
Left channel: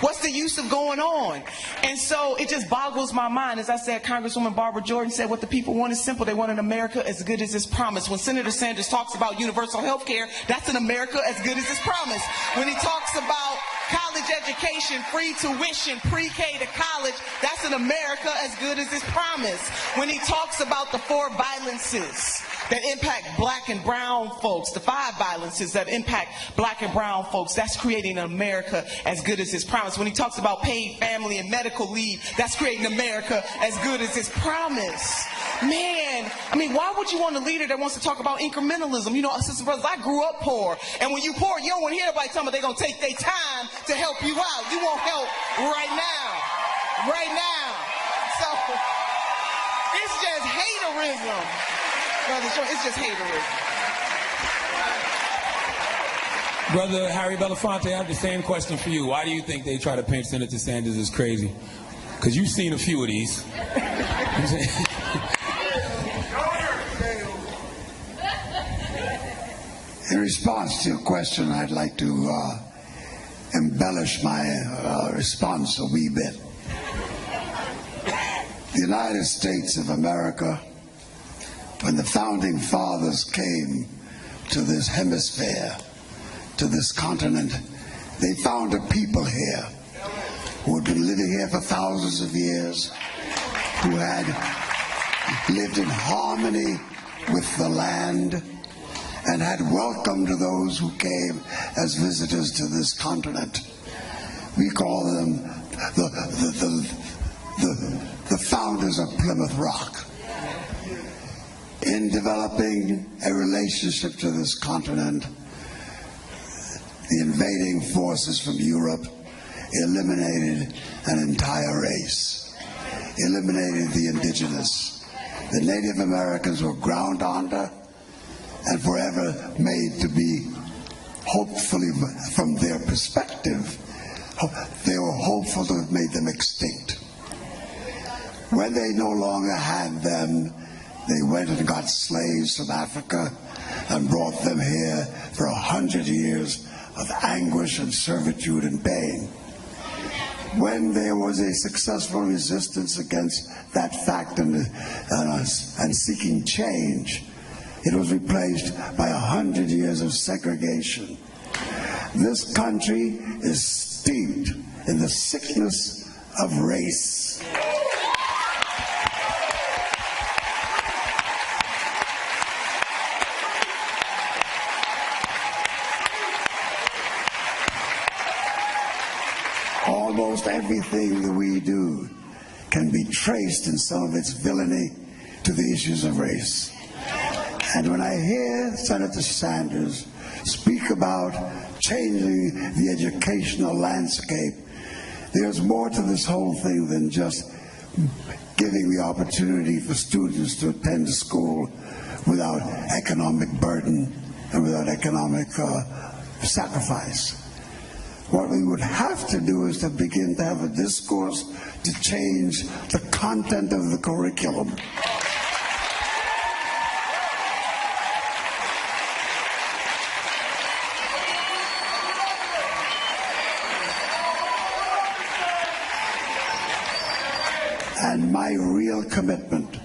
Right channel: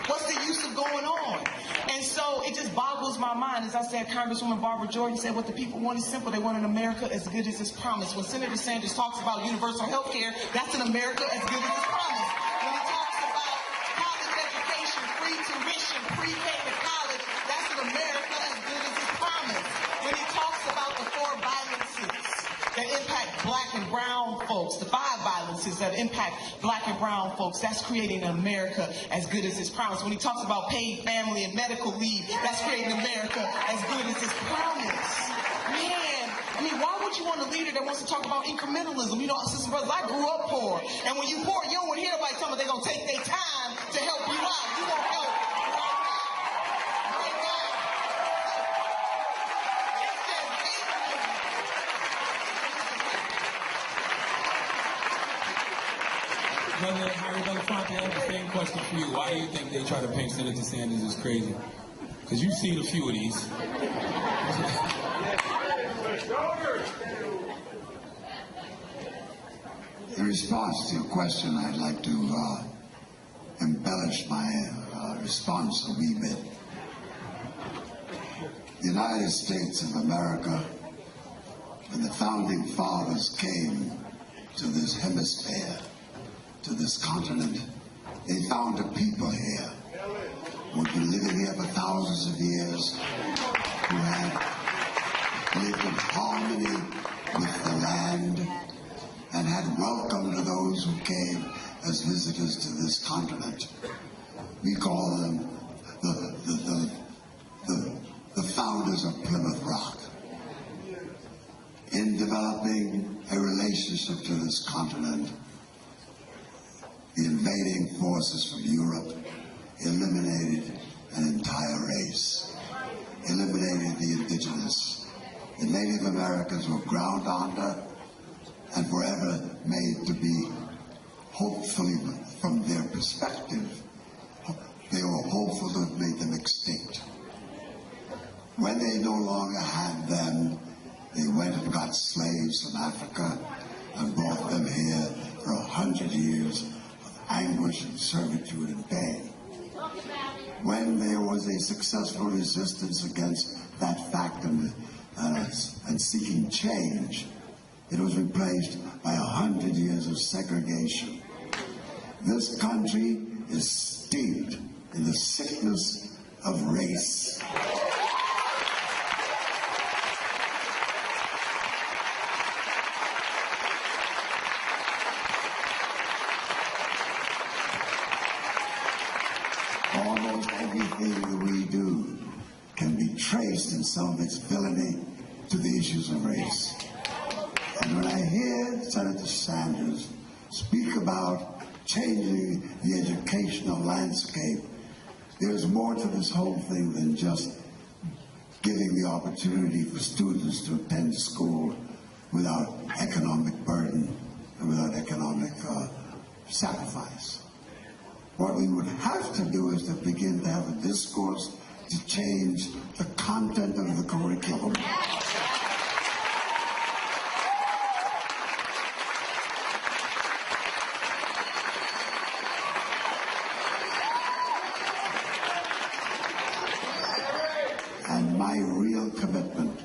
what's the use of going on? And so it just boggles my mind. As I said, Congresswoman Barbara Jordan said what the people want is simple. They want an America as good as its promise. When Senator Sanders talks about universal health care, that's an America as good as its promise. When he talks about college education, free tuition, pre-K to college, that's an America as good as its promise. When he talks about the 4 violences that impact black and brown folks, the 5 violences that impact black and brown folks, that's creating an America as good as its promise. When he talks about paid family and medical leave, that's creating America as good as its promise. Man, why would you want a leader that wants to talk about incrementalism? Sisters and brothers, I grew up poor, and when you poor, you don't want to hear everybody tell me they're going to take their time to help you out. You want help right now. Right now. So, it's just haterism. It's just haterism. Brother Harry Belafonte, I have the same question for you. Why do you think they try to paint Senator Sanders as crazy? Because you've seen a few of these. In response to your question, I'd like to embellish my response a wee bit. The United States of America, when the founding fathers came to this hemisphere, to this continent, they found a people here who had been living here for thousands of years, who had lived in harmony with the land, and had welcomed those who came as visitors to this continent. We call them the founders of Plymouth Rock. In developing a relationship to this continent, the invading forces from Europe eliminated an entire race, eliminated the indigenous. The Native Americans were ground under and forever made to be, hopefully from their perspective, they were hopeful to have made them extinct. When they no longer had them, they went and got slaves from Africa and brought them here for 100 years of anguish and servitude and pain. When there was a successful resistance against that fact and seeking change, it was replaced by 100 years of segregation. This country is steeped in the sickness of race. Almost everything that we do can be traced in some of its villainy to the issues of race. And when I hear Senator Sanders speak about changing the educational landscape, there's more to this whole thing than just giving the opportunity for students to attend school without economic burden and without economic sacrifice. What we would have to do is to begin to have a discourse to change the content of the curriculum. And my real commitment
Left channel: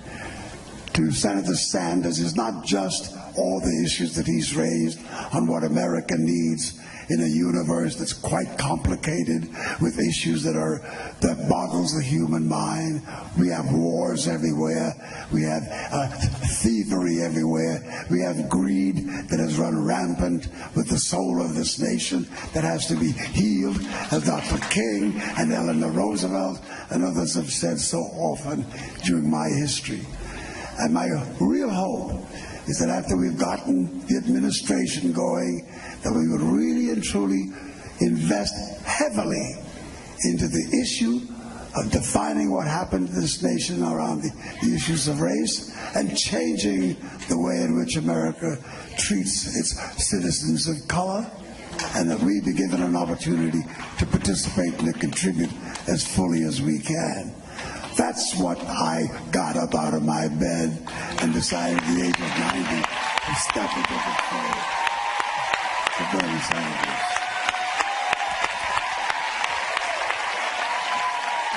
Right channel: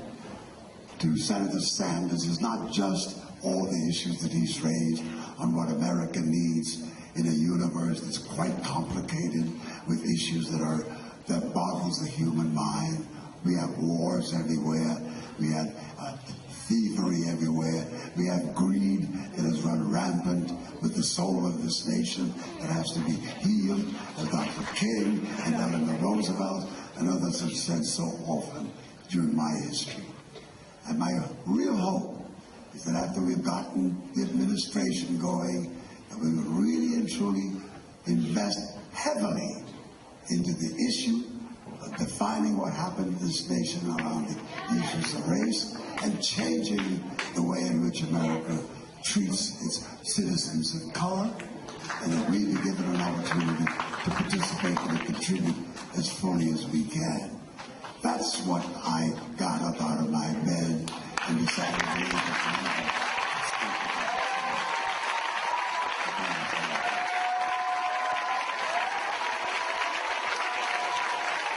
to Senator Sanders is not just all the issues that he's raised on what America needs in a universe that's quite complicated with issues that boggles the human mind. We have wars everywhere. We have thievery everywhere. We have greed that has run rampant with the soul of this nation that has to be healed, as Dr. King and Eleanor Roosevelt and others have said so often during my history. And my real hope is that after we've gotten the administration going, that we would really and truly invest heavily into the issue of defining what happened to this nation around the issues of race and changing the way in which America treats its citizens of color, and that we be given an opportunity to participate and contribute as fully as we can. That's what I got up out of my bed and decided at the age of 90 to step into the field.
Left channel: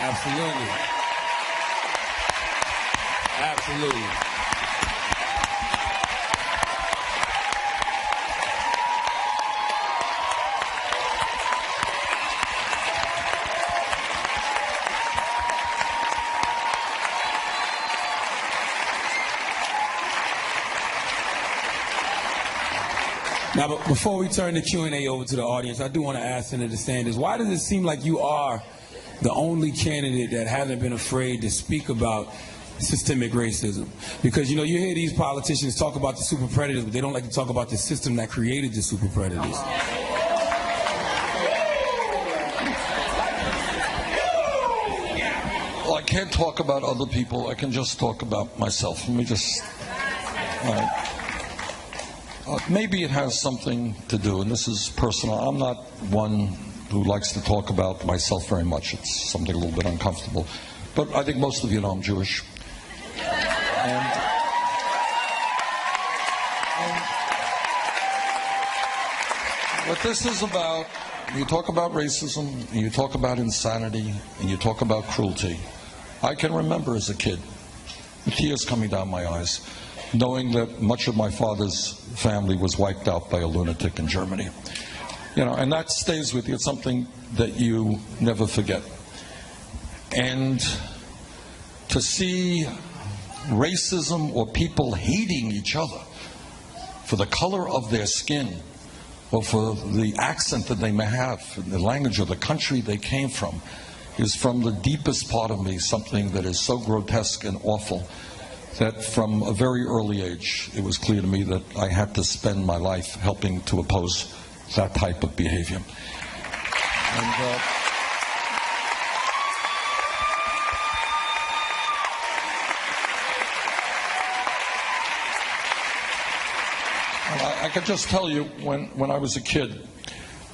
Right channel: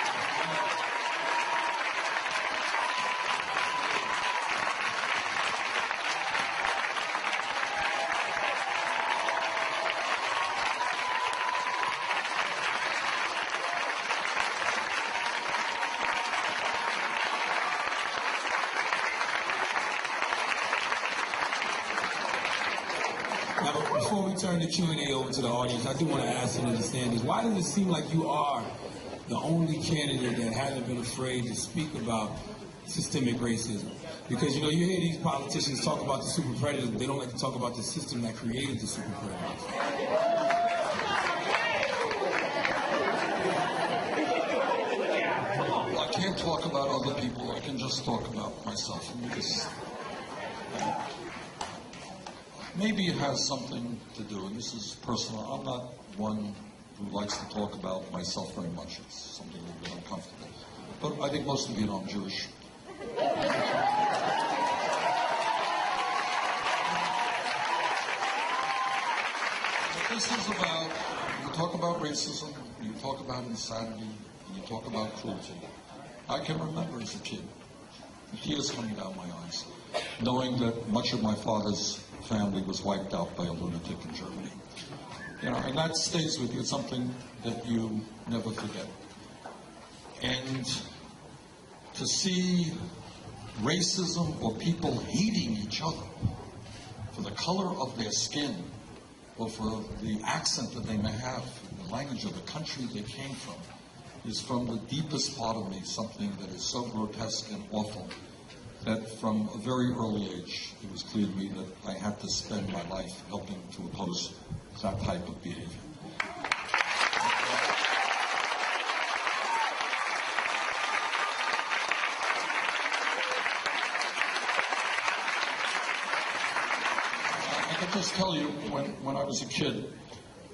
Absolutely. Absolutely. Now, before we turn the Q&A over to the audience, I do want to ask Senator Sanders, why does it seem like you are the only candidate that hasn't been afraid to speak about systemic racism? Because, you hear these politicians talk about the super predators, but they don't like to talk about the system that created the super predators. Well, I can't talk about other people. I can just talk about myself. Let me just... maybe it has something to do, and this is personal. I'm not one who likes to talk about myself very much. It's something a little bit uncomfortable. But I think most of you know I'm Jewish. What this is about, you talk about racism, and you talk about insanity, and you talk about cruelty. I can remember as a kid, with tears coming down my eyes, knowing that much of my father's family was wiped out by a lunatic in Germany. And that stays with you. It's something that you never forget. And to see racism or people hating each other for the color of their skin or for the accent that they may have, the language of the country they came from, is from the deepest part of me something that is so grotesque and awful that from a very early age, it was clear to me that I had to spend my life helping to oppose that type of behavior. And could just tell you, when I was a kid,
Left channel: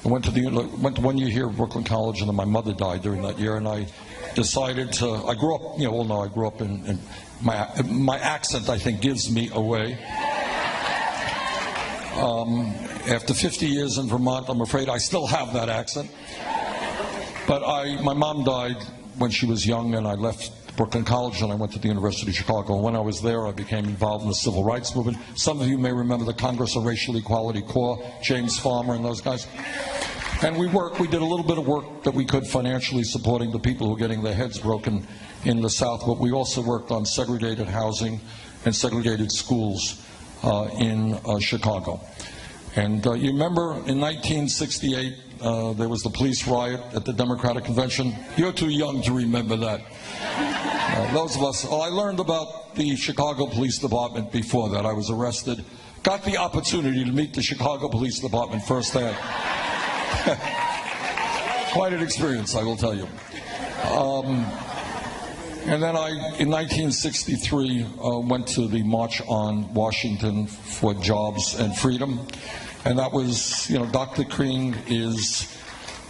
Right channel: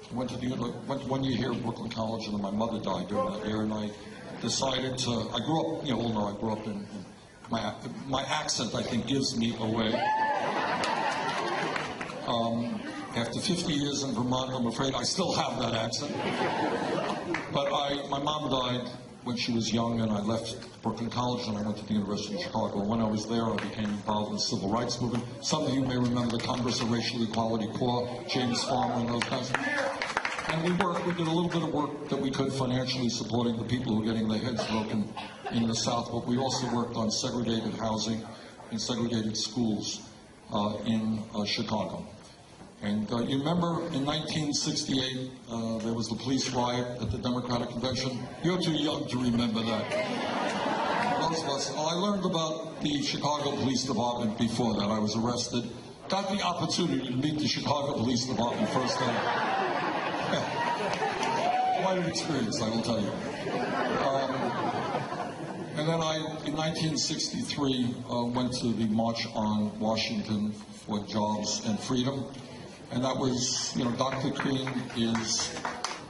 I went to 1 year here at Brooklyn College, and then my mother died during that year, and I decided to, I grew up, I grew up in my accent, I think, gives me away. After 50 years in Vermont, I'm afraid I still have that accent. But my mom died when she was young, and I left Brooklyn College and I went to the University of Chicago. When I was there, I became involved in the civil rights movement. Some of you may remember the Congress of Racial Equality Corps, James Farmer and those guys. And we did a little bit of work that we could financially supporting the people who were getting their heads broken in the South, but we also worked on segregated housing and segregated schools in Chicago. And you remember in 1968, there was the police riot at the Democratic Convention? You're too young to remember that. Those of us, I learned about the Chicago Police Department before that. I was arrested, got the opportunity to meet the Chicago Police Department firsthand. Quite an experience, I will tell you. And then in 1963, went to the March on Washington for Jobs and Freedom. And that was, Dr. King is,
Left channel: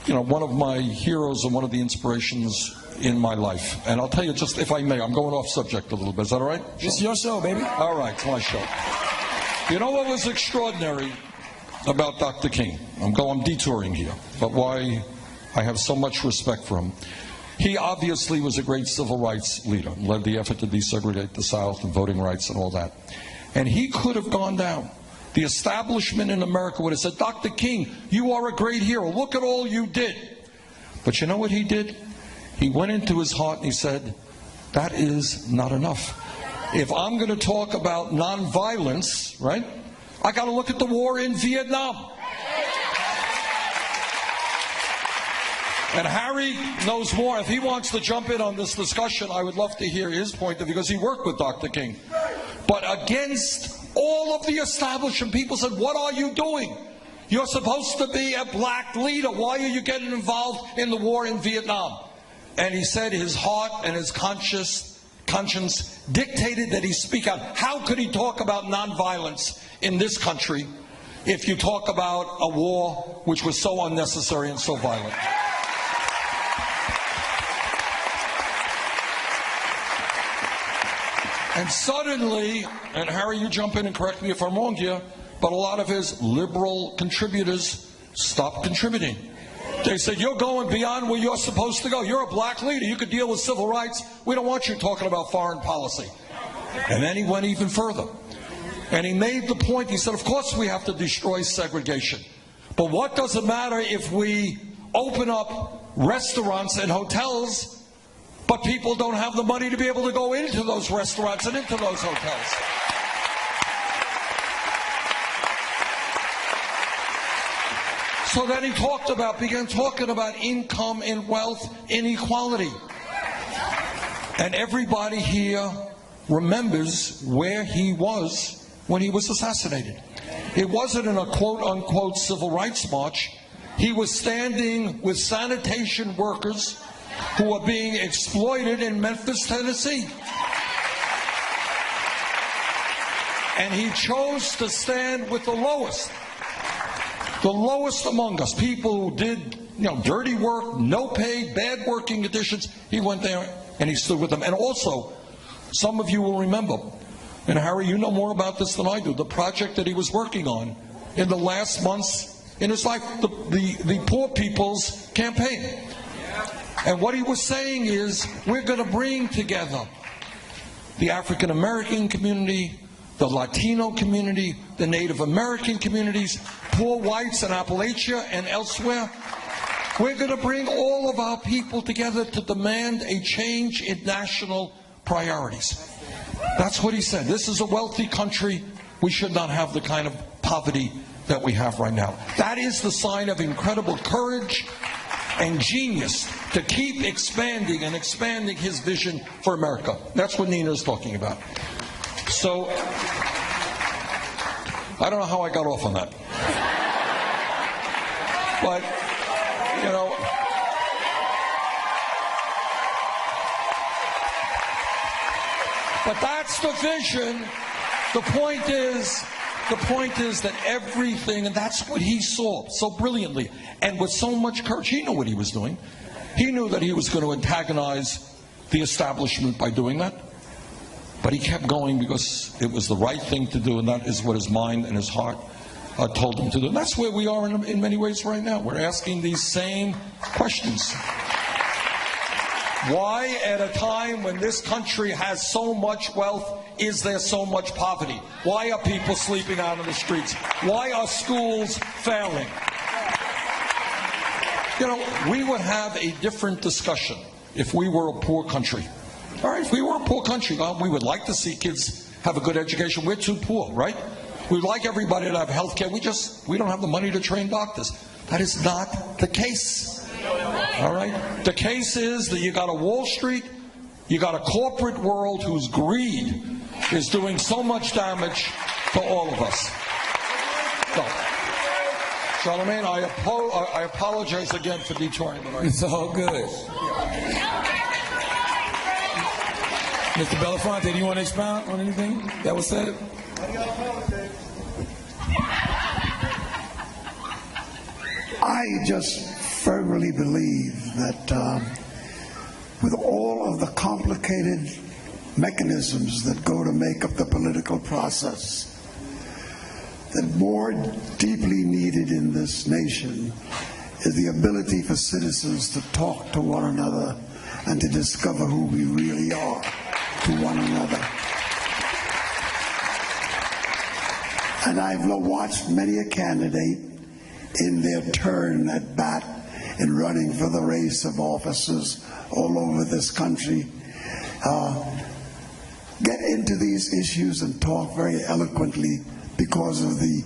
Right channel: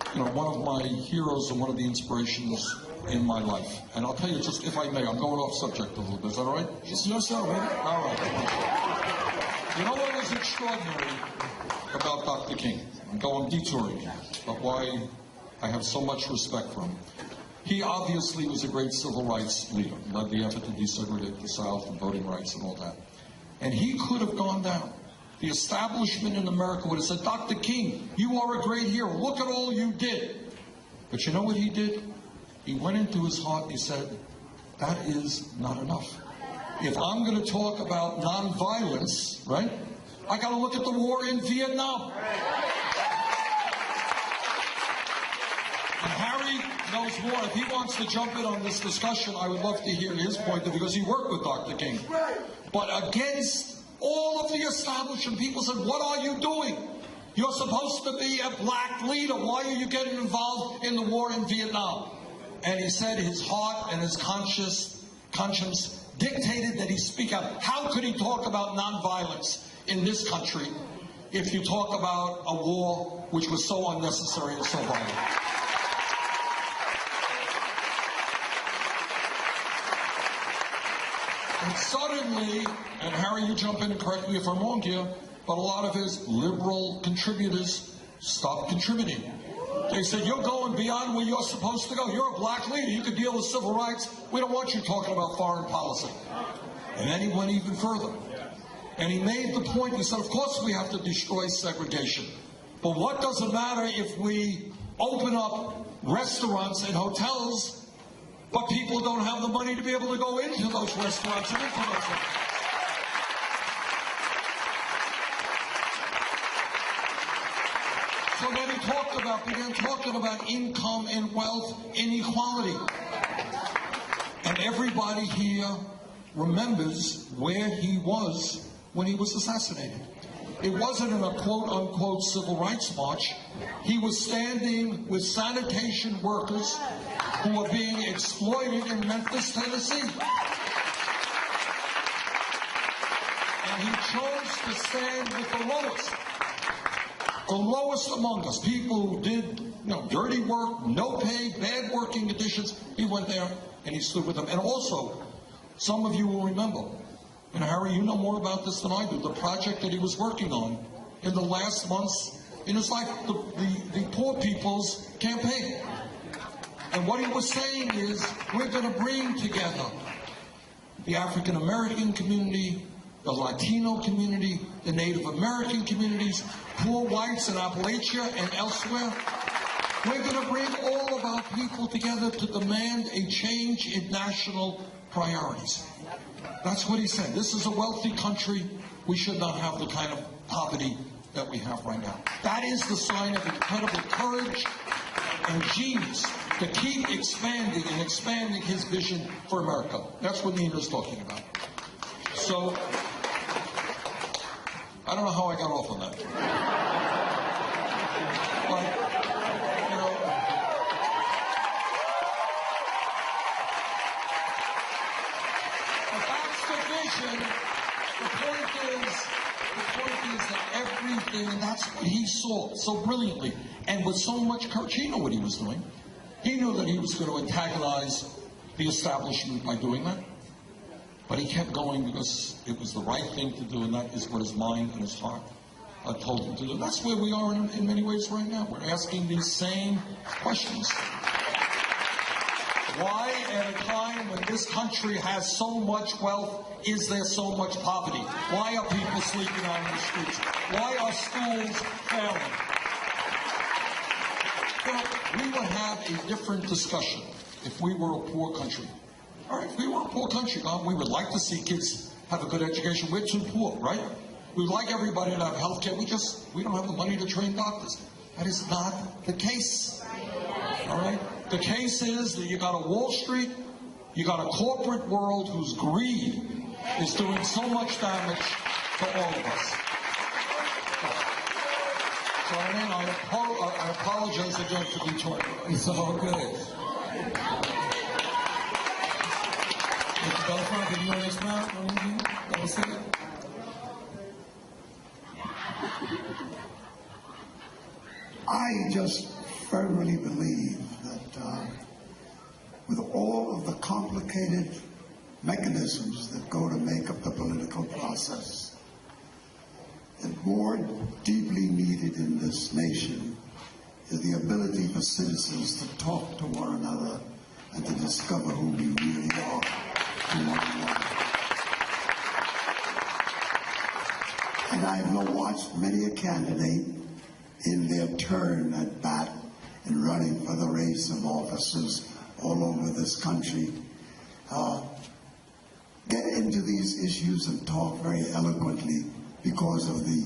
one of my heroes and one of the inspirations in my life. And I'll tell you, just if I may, I'm going off subject a little bit. Is that all right? It's your show, baby. All right, it's my show. You know what was extraordinary about Dr. King? I'm detouring here, but why I have so much respect for him. He obviously was a great civil rights leader, led the effort to desegregate the South and voting rights and all that. And he could have gone down. The establishment in America would have said, Dr. King, you are a great hero. Look at all you did. But you know what he did? He went into his heart and he said, that is not enough. If I'm going to talk about nonviolence, right, I got to look at the war in Vietnam. And Harry knows more. If he wants to jump in on this discussion, I would love to hear his point of view, because he worked with Dr. King. But against all of the establishment, people said, what are you doing? You're supposed to be a black leader. Why are you getting involved in the war in Vietnam? And he said his heart and his conscience dictated that he speak out. How could he talk about nonviolence in this country if you talk about a war which was so unnecessary and so violent? And suddenly, and Harry, you jump in and correct me if I'm wrong here, but a lot of his liberal contributors stopped contributing. They said, you're going beyond where you're supposed to go. You're a black leader. You can deal with civil rights. We don't want you talking about foreign policy. And then he went even further. And he made the point, he said, of course we have to destroy segregation. But what does it matter if we open up restaurants and hotels, but people don't have the money to be able to go into those restaurants and into those hotels? So then he began talking about income and wealth inequality. And everybody here remembers where he was when he was assassinated. It wasn't in a quote-unquote civil rights march. He was standing with sanitation workers who were being exploited in Memphis, Tennessee. And he chose to stand with the lowest among us, people who did, dirty work, no pay, bad working conditions. He went there and he stood with them. And also, some of you will remember, and Harry, you know more about this than I do, the project that he was working on in the last months in his life, the Poor People's Campaign. And what he was saying is, we're going to bring together the African American community, the Latino community, the Native American communities, poor whites in Appalachia and elsewhere. We're going to bring all of our people together to demand a change in national priorities. That's what he said. This is a wealthy country. We should not have the kind of poverty that we have right now. That is the sign of incredible courage and genius to keep expanding and expanding his vision for America. That's what Nina is talking about. So, I don't know how I got off on that. But, but that's the vision. The point is, The point is that everything, and that's what he saw so brilliantly, and with so much courage. He knew what he was doing. He knew that he was going to antagonize the establishment by doing that. But he kept going because it was the right thing to do, and that is what his mind and his heart told him to do. And that's where we are in many ways right now. We're asking these same questions. Why, at a time when this country has so much wealth, is there so much poverty? Why are people sleeping out in the streets? Why are schools failing? You know, we would have a different discussion if we were a poor country. All right, if we were a poor country, we would like to see kids have a good education. We're too poor, right? We'd like everybody to have health care. We don't have the money to train doctors. That is not the case. All right? The case is that you got a Wall Street, you got a corporate world whose greed is doing so much damage to all of us. So, Charlemagne, I apologize again for Detroit. It's all good. Mr. Belafonte, do you want to expound on anything that was said? I just firmly believe that with all of the complicated mechanisms that go to make up the political process, that more deeply needed in this nation is the ability for citizens to talk to one another and to discover who we really are to one another. And I've watched many a candidate in their turn at bat in running for the race of offices all over this country get into these issues and talk very eloquently because of the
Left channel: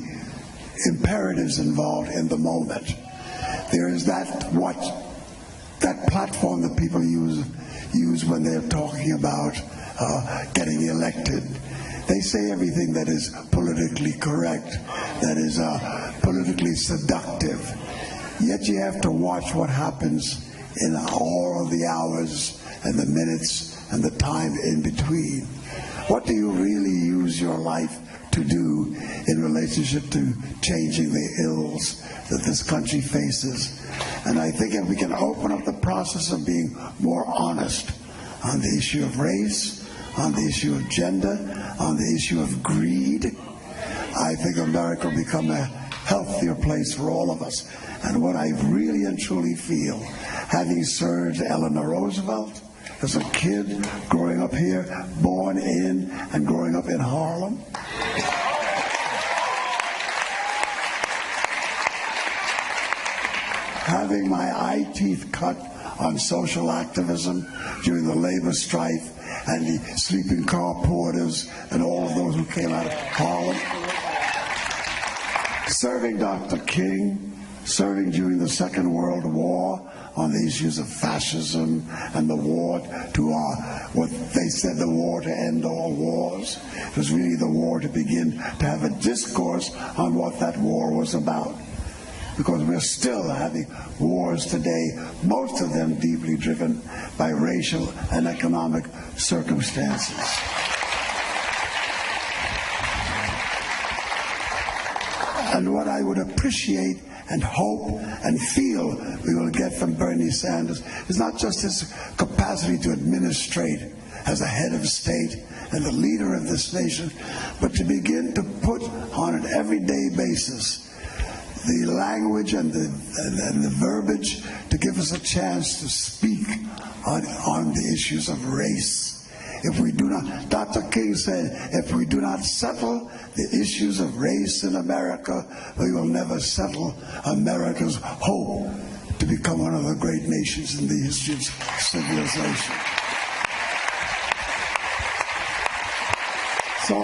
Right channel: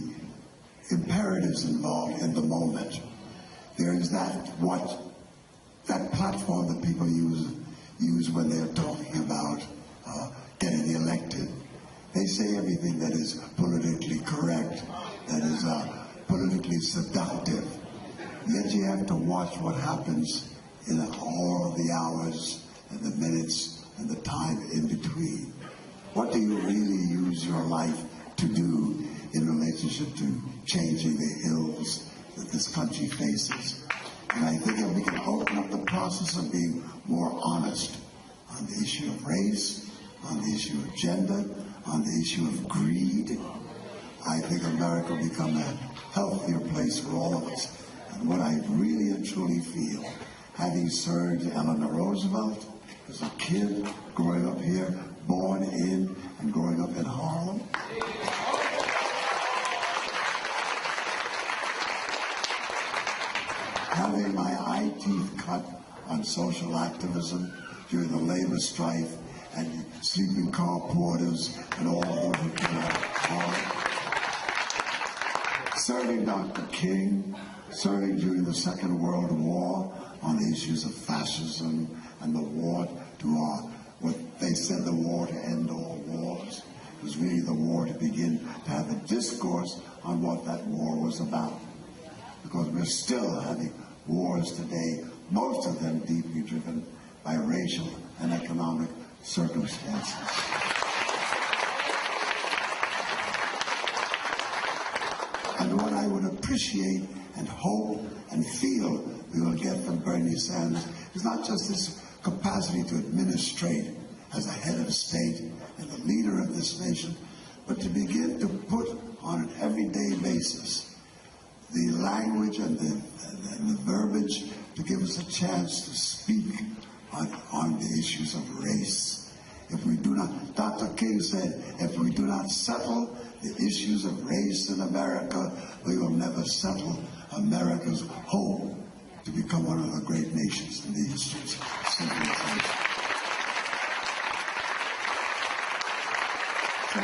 imperatives involved in the moment. There is that platform that people use when they're talking about getting elected. They say everything that is politically correct, that is politically seductive. Yet you have to watch what happens in all of the hours and the minutes and the time in between. What do you really use your life to do in relationship to changing the ills that this country faces? And I think if we can open up the process of being more honest on the issue of race, on the issue of gender, on the issue of greed, I think America will become a healthier place for all of us. And what I really and truly feel, having served Eleanor Roosevelt as a kid, growing up here, born in and growing up in Harlem, having my eye teeth cut on social activism during the labor strife and the sleeping car porters and all of those who came out of Harlem, serving Dr. King, serving during the Second World War on the issues of fascism and the war to what they said the war to end all wars. It was really the war to begin to have a discourse on what that war was about. Because we're still having wars today, most of them deeply driven by racial and economic circumstances. And what I would appreciate and hope and feel we will get from Bernie Sanders is not just his capacity to administrate as a head of state and the leader of this nation, but to begin to put on an everyday basis the language and the verbiage to give us a chance to speak on the issues of race. If we do not, Dr. King said, if we do not settle the issues of race in America, we will never settle America's hope to become one of the great nations in the history of civilization. So,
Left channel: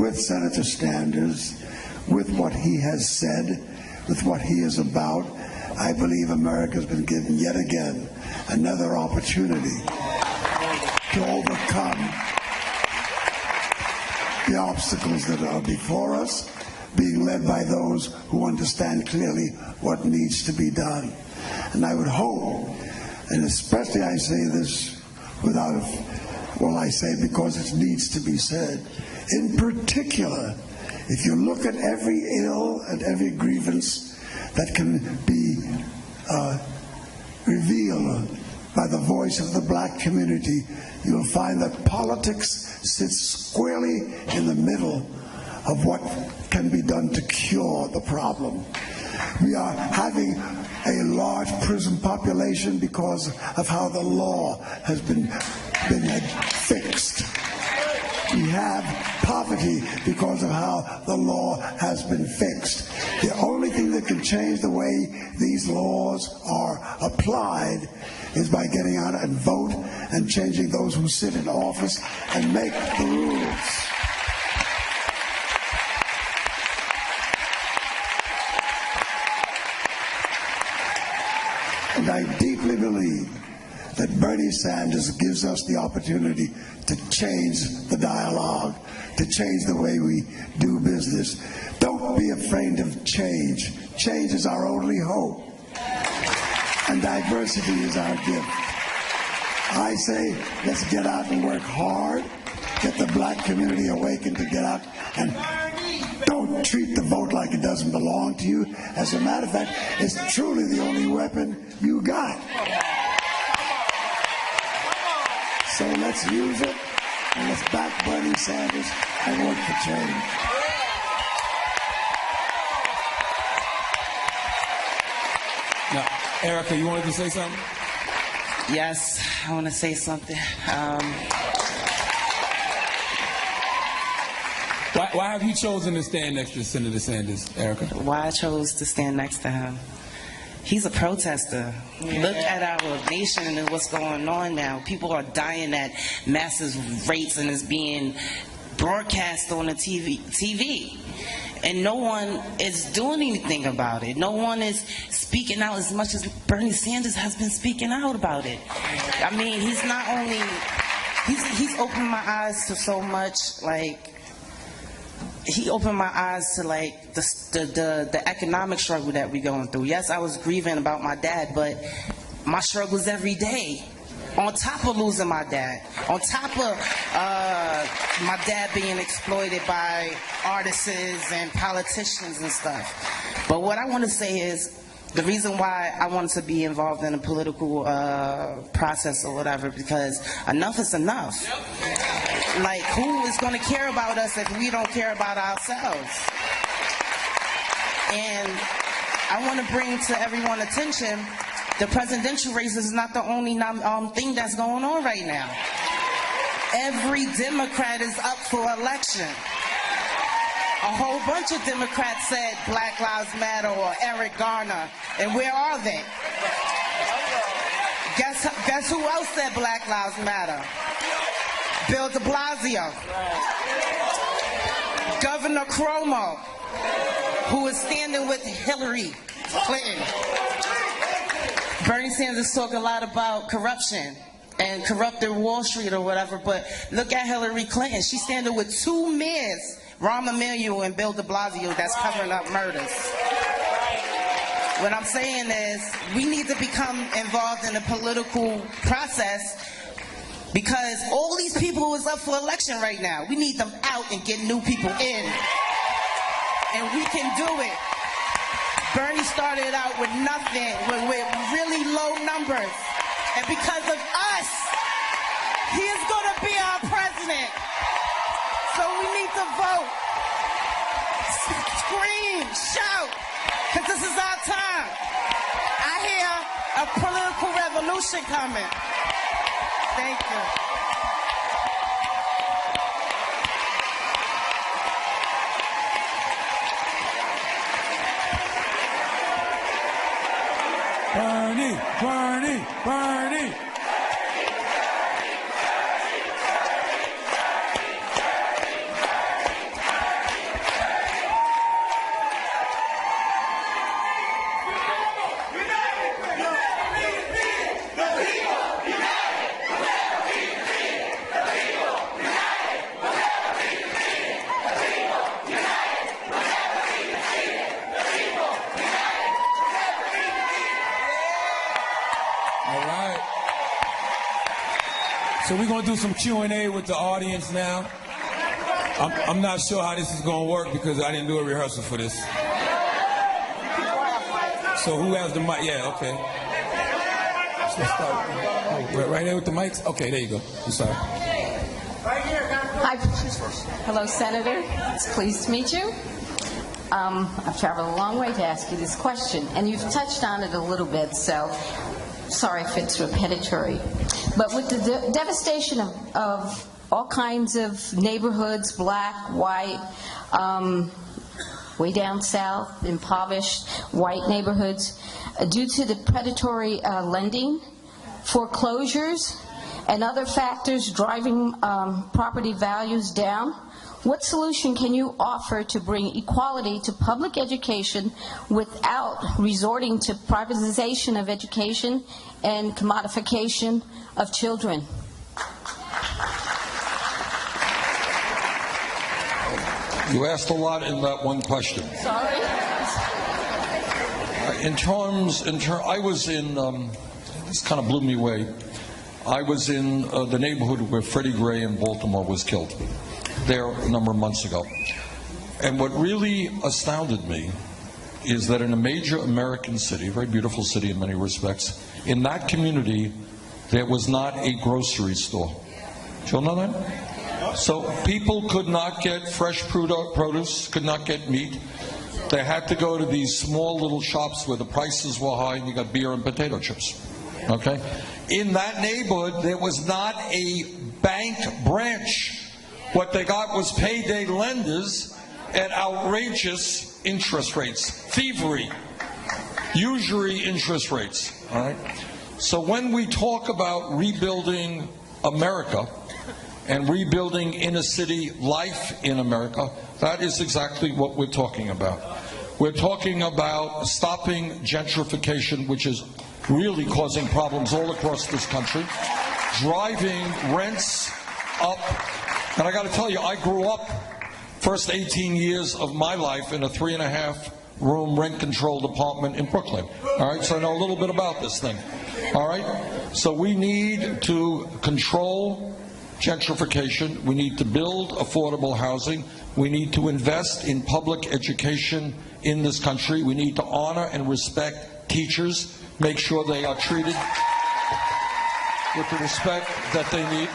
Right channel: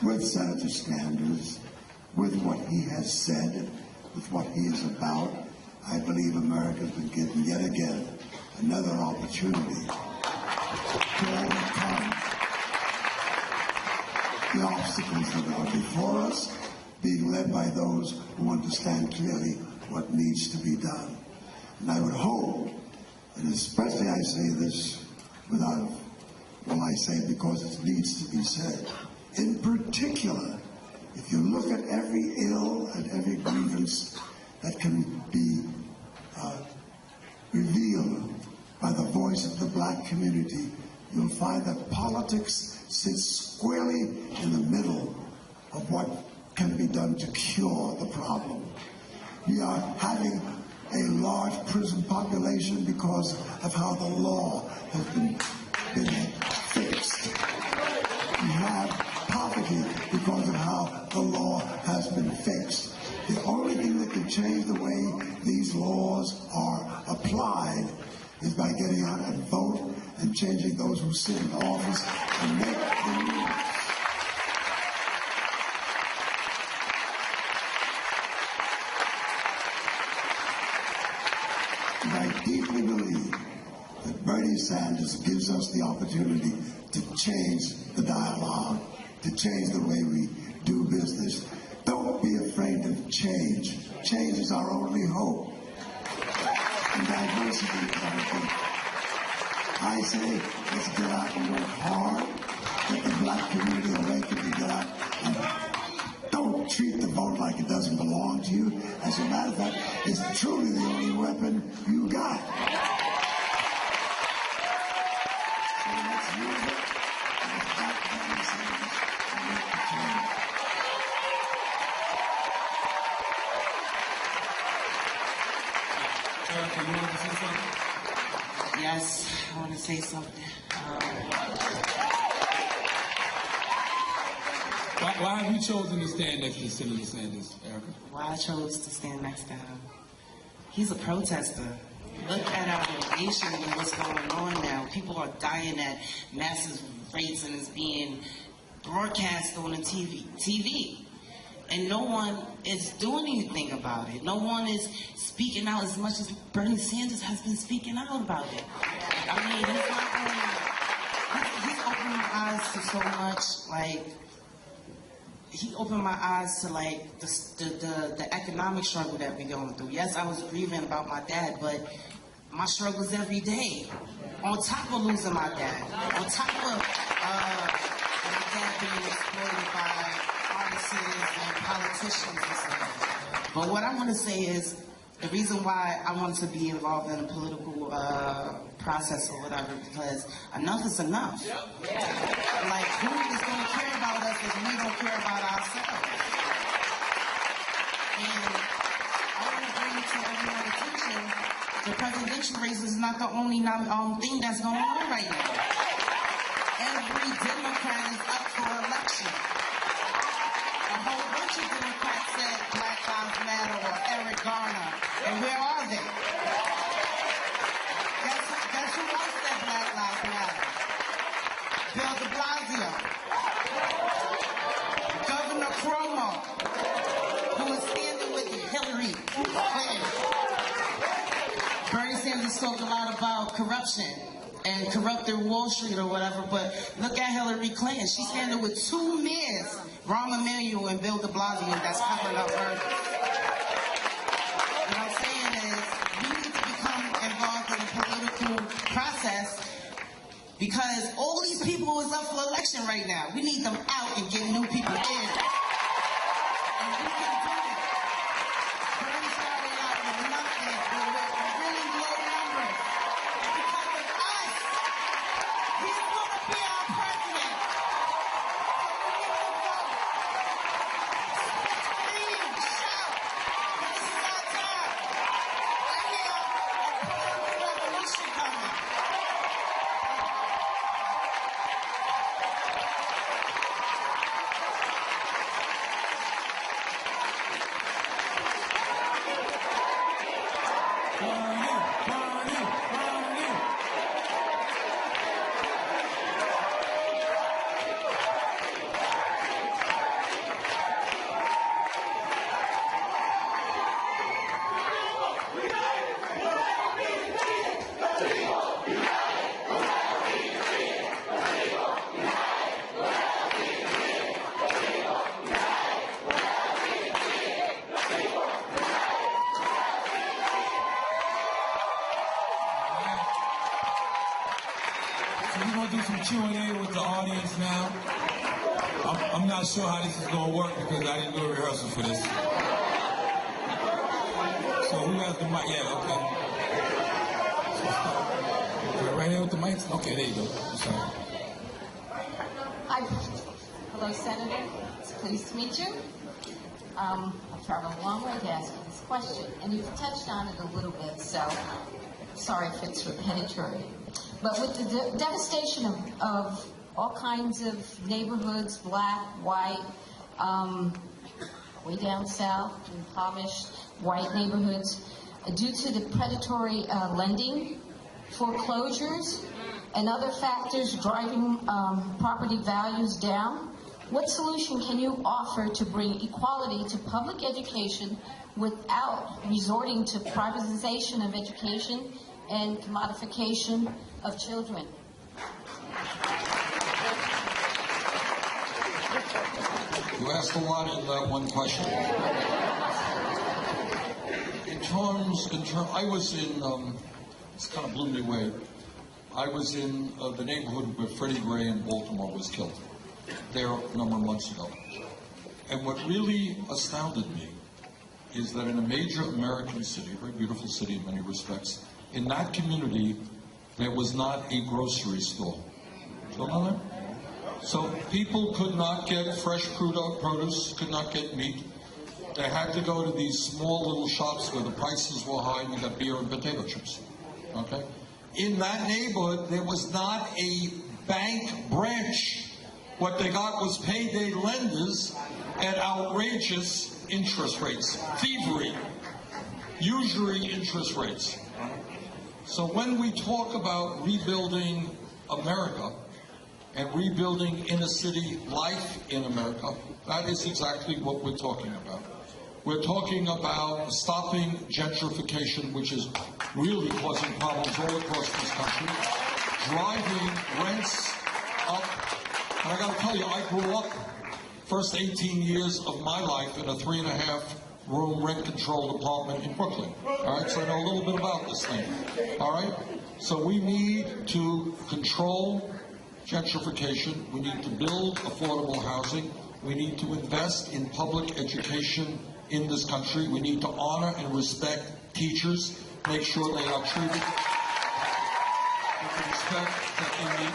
with Senator Sanders, with what he has said, with what he is about, I believe America has been given yet again another opportunity to overcome the obstacles that are before us, being led by those who understand clearly what needs to be done. And I would hope, and especially I say this without Well, I say because it needs to be said. In particular, if you look at every ill and every grievance that can be revealed by the voice of the black community, you'll find that politics sits squarely in the middle of what can be done to cure the problem. We are having a large prison population because of how the law has been fixed. We have poverty because of how the law has been fixed. The only thing that can change the way these laws are applied is by getting out and vote and changing those who sit in office and make the rules. And I deeply believe that Bernie Sanders gives us the opportunity to change the dialogue, to change the way we do business. Don't be afraid of change. Change is our only hope. And diversity is our gift. I say, let's get out and work hard, get the black community awakened to get out, and don't treat the vote like it doesn't belong to you. As a matter of fact, it's truly the only weapon you got. So let's use it, and let's back Bernie Sanders and work for change. Now, Erica, you wanted to say something? Yes, I want to say something. Why have you chosen to stand next to Senator Sanders, Erica? Why I chose to stand next to him? He's a protester. Look at our nation and what's going on now. People are dying at massive rates, and it's being broadcast on the TV. And no one is doing anything about it. No one is speaking out as much as Bernie Sanders has been speaking out about it. I mean, he's not only, he's opened my eyes to so much, like, he opened my eyes to like the economic struggle that we're going through. Yes, I was grieving about my dad, but my struggles every day. On top of losing my dad, on top of my dad being exploited by artists and politicians and stuff. But what I want to say is, the reason why I wanted to be involved in a political process or whatever, because enough is enough. Like, who is going to care about us if we don't care about ourselves? And I want to bring to everyone's attention, the presidential race is not the only thing that's going on right now. Every Democrat is up for election. A whole bunch of Democrats said Black Lives Matter or Eric Garner, and where are they? Guess who else said Black Lives Matter? Bill de Blasio. Governor Cuomo, who is standing with Hillary Clinton. Bernie Sanders talk a lot about corruption and corrupted Wall Street or whatever, but look at Hillary Clinton. She's standing with two mayors, Rahm Emanuel and Bill de Blasio, that's covering up murders. What I'm saying is, we need to become involved in the political process, because all these people who is up for election right now, we need them out and get new people in. And we can do it. Bernie started out with nothing, with really low numbers. And because of us, he is going to be our president. So we need to vote. Scream, shout, because this is our time. I hear a political revolution coming. Thank you. Bernie, Bernie, Bernie. All right. So we're going to do some Q&A with the audience now. I'm not sure how this is going to work because I didn't do a rehearsal for this. So who has the mic? Yeah, okay. So start. Right here with the mics? Okay, there you go. I'm sorry. Hi. Hello, Senator. It's pleased to meet you. I've traveled a long way to ask you this question, and you've touched on it a little bit, so sorry if it's repetitive. But with the devastation of all kinds of neighborhoods, black, white, way down south, impoverished white neighborhoods, due to the predatory lending, foreclosures, and other factors driving property values down, what solution can you offer to bring equality to public education without resorting to privatization of education and commodification of children? You asked a lot in that one question. Sorry. I was in, this kind of blew me away. I was in the neighborhood where Freddie Gray in Baltimore was killed, there a number of months ago. And what really astounded me is that in a major American city, a very beautiful city in many respects, in that community, there was not a grocery store. Do you all know that? So people could not get fresh produce, could not get meat. They had to go to these small little shops where the prices were high. You got beer and potato chips. Okay? In that neighborhood, there was not a bank branch. What they got was payday lenders and outrageous interest rates, thievery, usury interest rates. All right? So when we talk about rebuilding America, and rebuilding inner city life in America, that is exactly what we're talking about. We're talking about stopping gentrification, which is really causing problems all across this country, driving rents up. And I got to tell you, I grew up, first 18 years of my life in a 3.5-room rent-controlled apartment in Brooklyn. All right, so I know a little bit about this thing. All right, so we need to control gentrification. We need to build affordable housing. We need to invest in public education in this country. We need to honor and respect teachers, make sure they are treated with the respect that they need.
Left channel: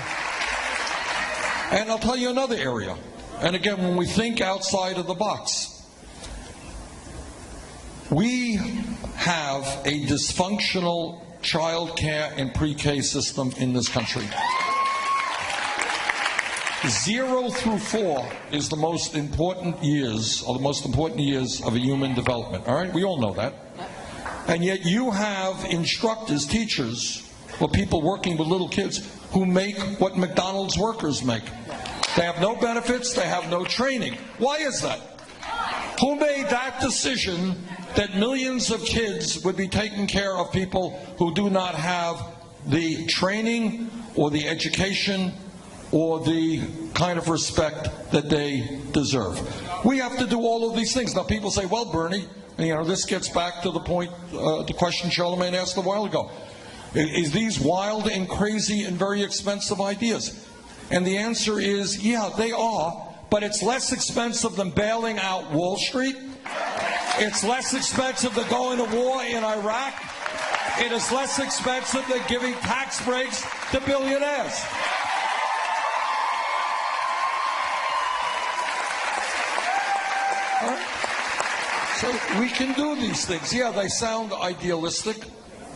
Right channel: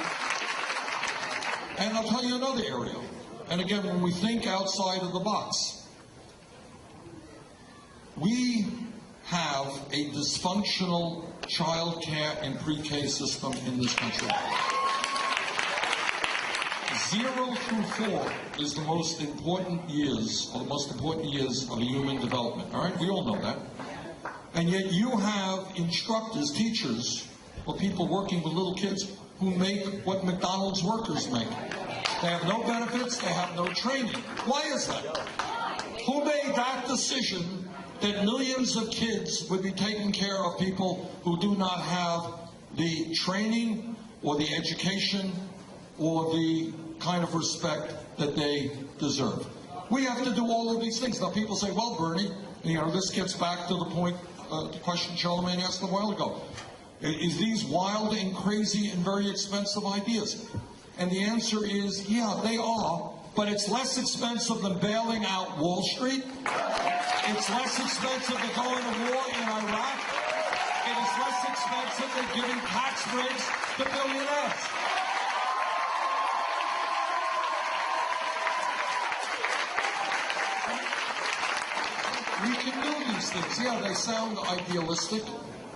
And I'll tell you another area. And again, when we think outside of the box, we have a dysfunctional child care and pre-K system in this country. 0 through 4 is the most important years, or the most important years of a human development. All right, we all know that. And yet you have instructors, teachers, or people working with little kids who make what McDonald's workers make. They have no benefits, they have no training. Why is that? Who made that decision that millions of kids would be taken care of people who do not have the training or the education or the kind of respect that they deserve? We have to do all of these things. Now people say, well, Bernie, this gets back to the point, the question Charlemagne asked a while ago. Is these wild and crazy and very expensive ideas? And the answer is, yeah, they are, but it's less expensive than bailing out Wall Street. It's less expensive than going to war in Iraq. It is less expensive than giving tax breaks to billionaires. So we can do these things. Yeah, they sound idealistic,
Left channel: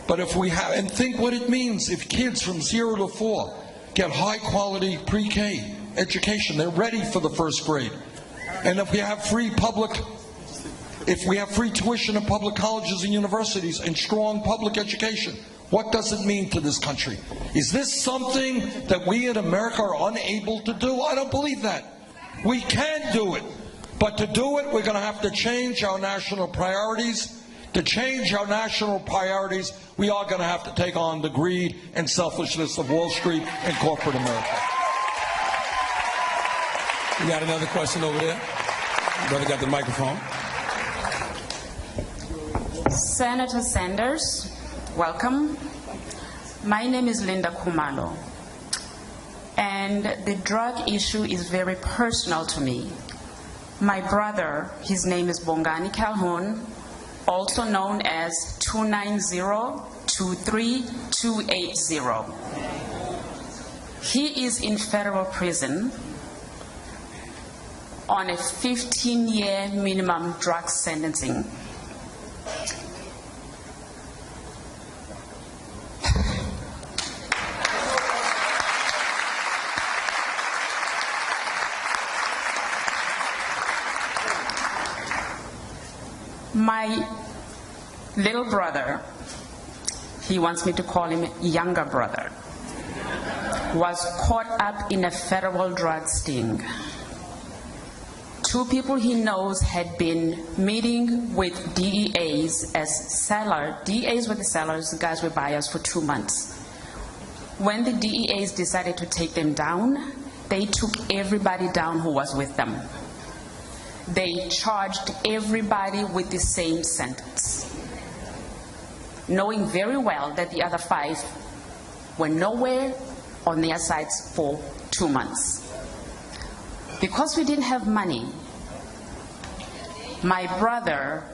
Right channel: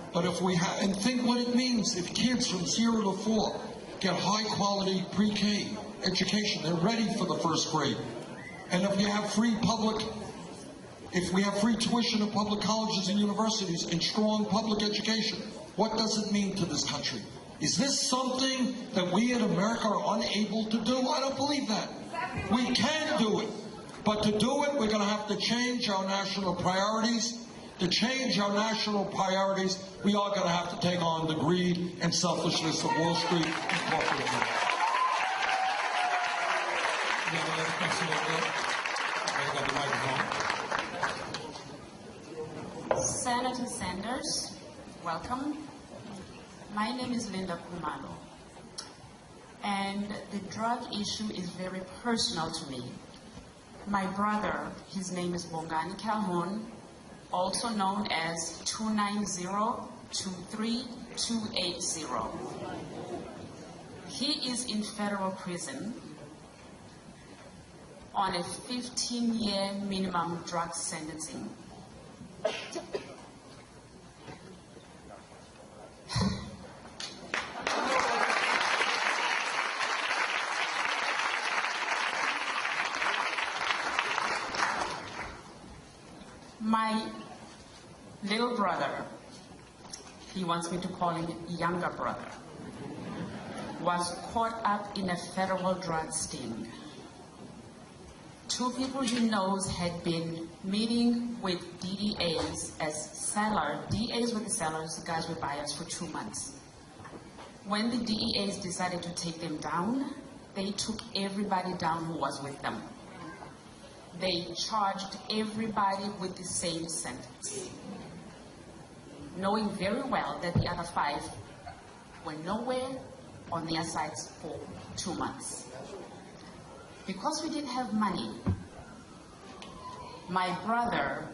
but if we have, and think what it means if kids from 0 to 4 get high-quality pre-K education, they're ready for the first grade. And if we have free tuition in public colleges and universities and strong public education, what does it mean to this country? Is this something that we in America are unable to do? I don't believe that. We can do it. But to do it, we're going to have to change our national priorities. To change our national priorities, we are going to have to take on the greed and selfishness of Wall Street and corporate America. You got another question over there? You better got the microphone. Senator Sanders, welcome. My name is Linda Kumalo. And the drug issue is very personal to me. My brother, his name is Bongani Calhoun, also known as 290-23280. He is in federal prison on a 15-year minimum drug sentencing. My little brother, he wants me to call him younger brother, was caught up in a federal drug sting. Two people he knows had been meeting with DEAs as sellers. DEAs were the sellers, the guys were buyers for 2 months. When the DEAs decided to take them down, they took everybody down who was with them. They charged everybody with the same sentence, knowing very well that the other 5 were nowhere on their sides for 2 months. Because we didn't have money, my brother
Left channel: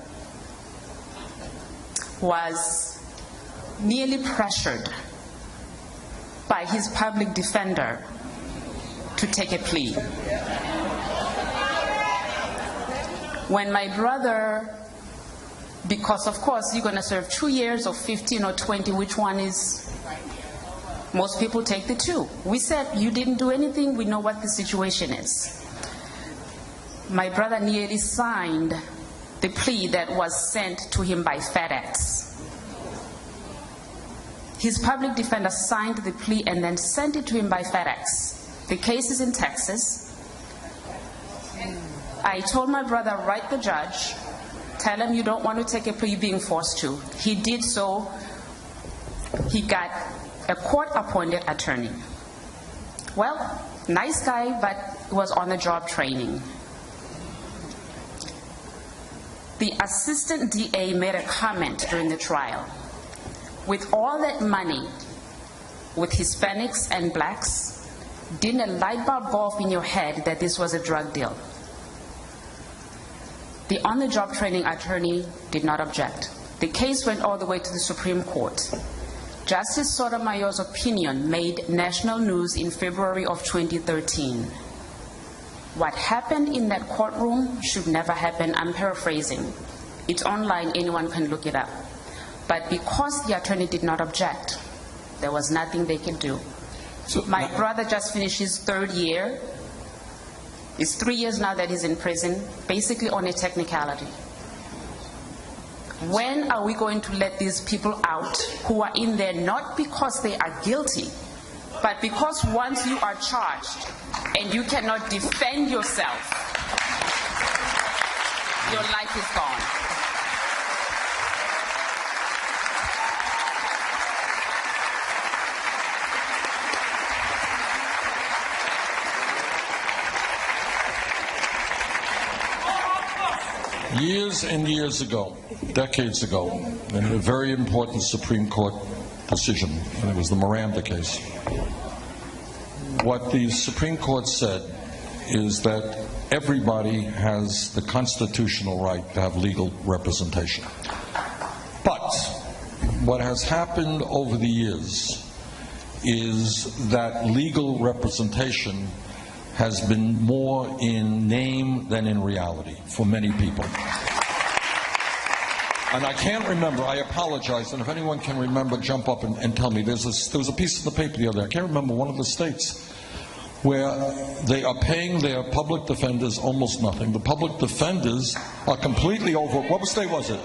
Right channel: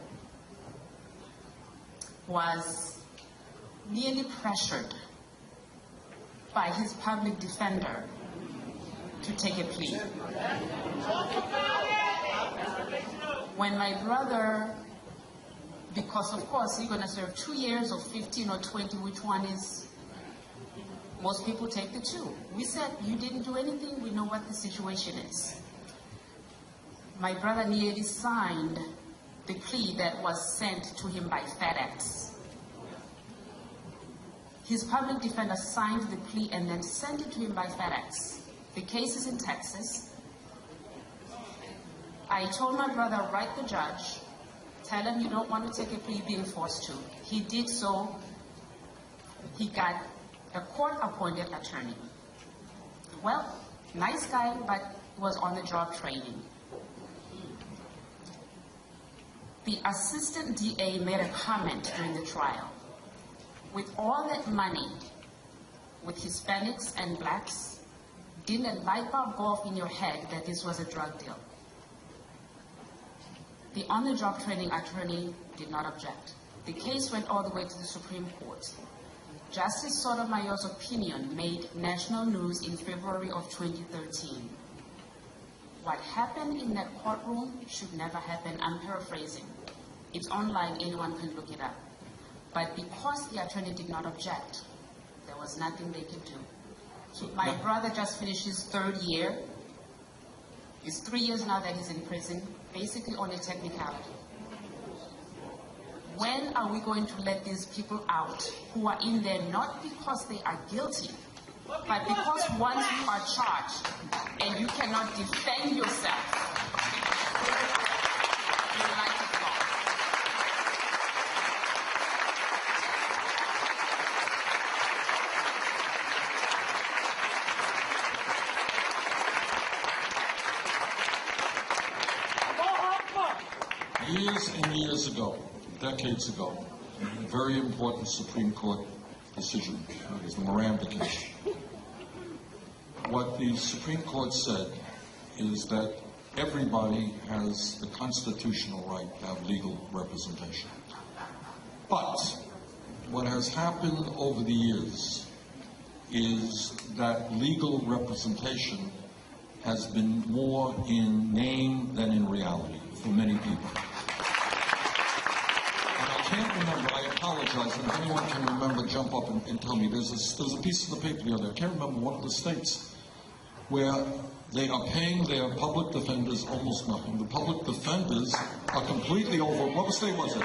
was nearly pressured by his public defender to take a plea. When my brother, because of course you're going to serve 2 years or 15 or 20, which one is, most people take the 2. We said, you didn't do anything, we know what the situation is. My brother nearly signed the plea that was sent to him by FedEx. His public defender signed the plea and then sent it to him by FedEx. The case is in Texas. I told my brother, write the judge, tell him you don't want to take a plea, you're being forced to. He did so. He got a court-appointed attorney. Well, nice guy, but was on-the-job training. The assistant DA made a comment during the trial. With all that money, with Hispanics and blacks, didn't a light bulb go off in your head that this was a drug deal? The on-the-job training attorney did not object. The case went all the way to the Supreme Court. Justice Sotomayor's opinion made national news in February of 2013. What happened in that courtroom should never happen. I'm paraphrasing. It's online, anyone can look it up. But because the attorney did not object, there was nothing they could do. So, my brother just finished his 3rd year. It's 3 years now that he's in prison, basically on a technicality. When are we going to let these people out who are in there not because they are guilty, but because once you are charged and you cannot defend yourself, your life is gone. Years and years ago, decades ago, in a very important Supreme Court decision, and it was the Miranda case, what the Supreme Court said is that everybody has the constitutional right to have legal representation. But what has happened over the years is that legal representation has been more in name than in reality for many people. And I can't remember, I apologize, and if anyone can remember, jump up and tell me. There was a piece in the paper the other day, I can't remember, one of the states where they are paying their public defenders almost nothing. The public defenders are completely over. What state was it?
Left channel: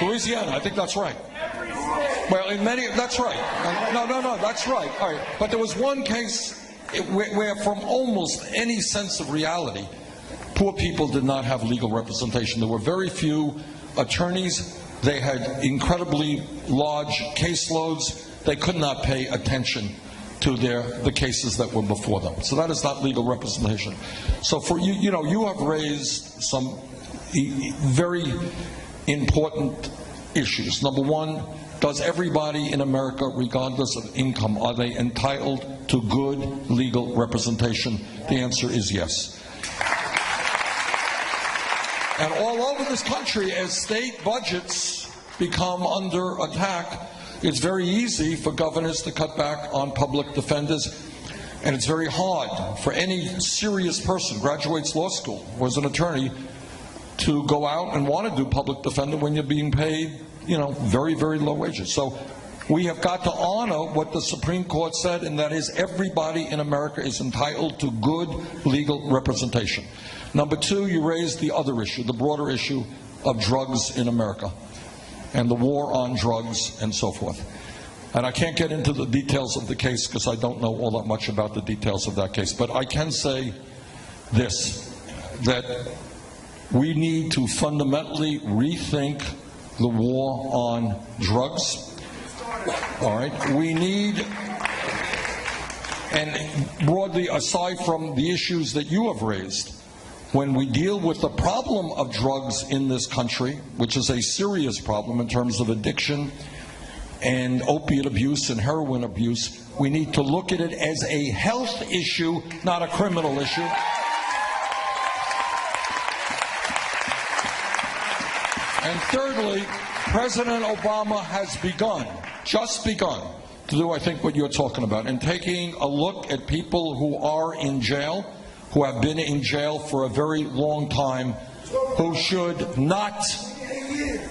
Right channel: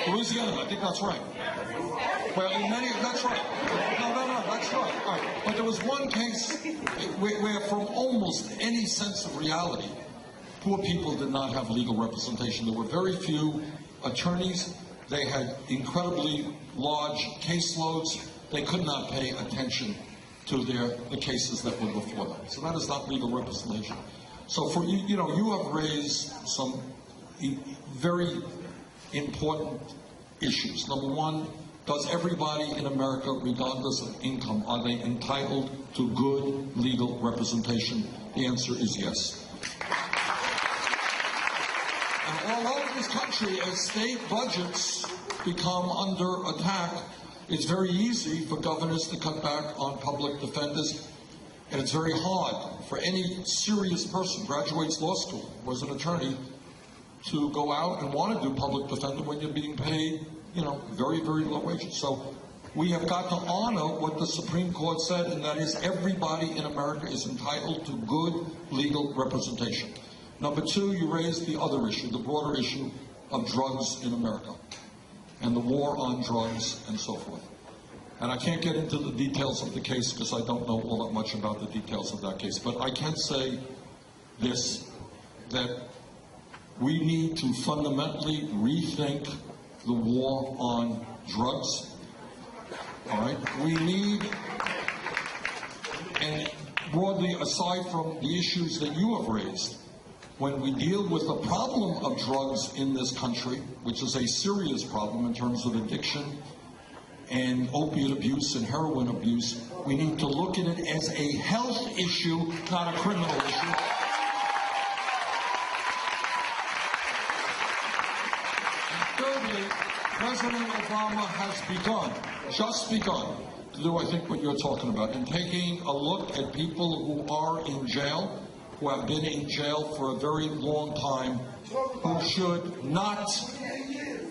Louisiana, I think that's right. Well, in many, that's right. No, that's right. All right. But there was one case where from almost any sense of reality, poor people did not have legal representation. There were very few attorneys. They had incredibly large caseloads. They could not pay attention to the cases that were before them. So that is not legal representation. So for you, you have raised some very important issues. Number one, does everybody in America, regardless of income, are they entitled to good legal representation? The answer is yes. And all over this country, as state budgets become under attack, it's very easy for governors to cut back on public defenders, and it's very hard for any serious person, graduates law school, was an attorney, to go out and want to do public defender when you're being paid, very, very low wages. So we have got to honor what the Supreme Court said, and that is everybody in America is entitled to good legal representation. Number two, you raised the other issue, the broader issue of drugs in America and the war on drugs and so forth. And I can't get into the details of the case because I don't know all that much about the details of that case. But I can say this, that we need to fundamentally rethink the war on drugs. All right? We need, and broadly, aside from the issues that you have raised, when we deal with the problem of drugs in this country, which is a serious problem in terms of addiction and opiate abuse and heroin abuse, we need to look at it as a health issue, not a criminal issue. And thirdly, President Obama has just begun, to do, I think, what you're talking about, and taking a look at people who are in jail, who have been in jail for a very long time, who should not,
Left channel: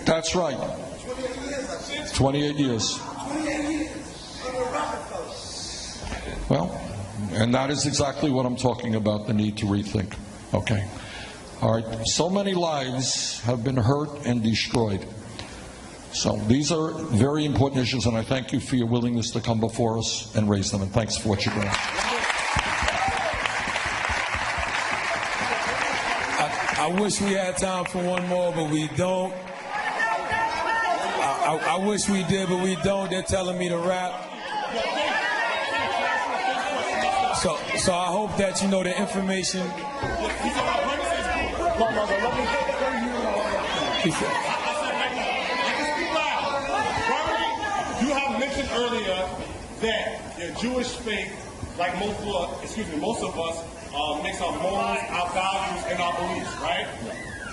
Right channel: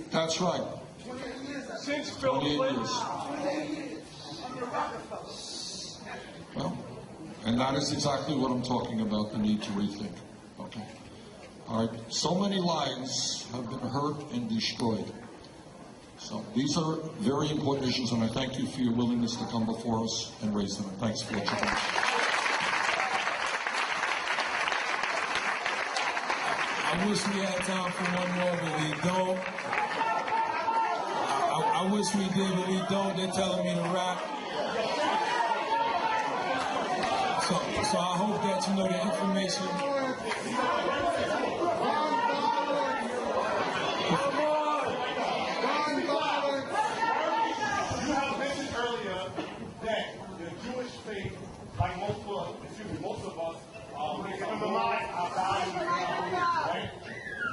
that's right, 28 years. Well, and that is exactly what I'm talking about, the need to rethink. Okay. All right. So many lives have been hurt and destroyed. So these are very important issues, and I thank you for your willingness to come before us and raise them, and thanks for what you've done. I wish we had time for one more, but we don't. I wish we did, but we don't. They're telling me to wrap. So I hope that you know the information. You have mentioned earlier that the Jewish faith, like most of us, makes our morals, our values, and our beliefs, right?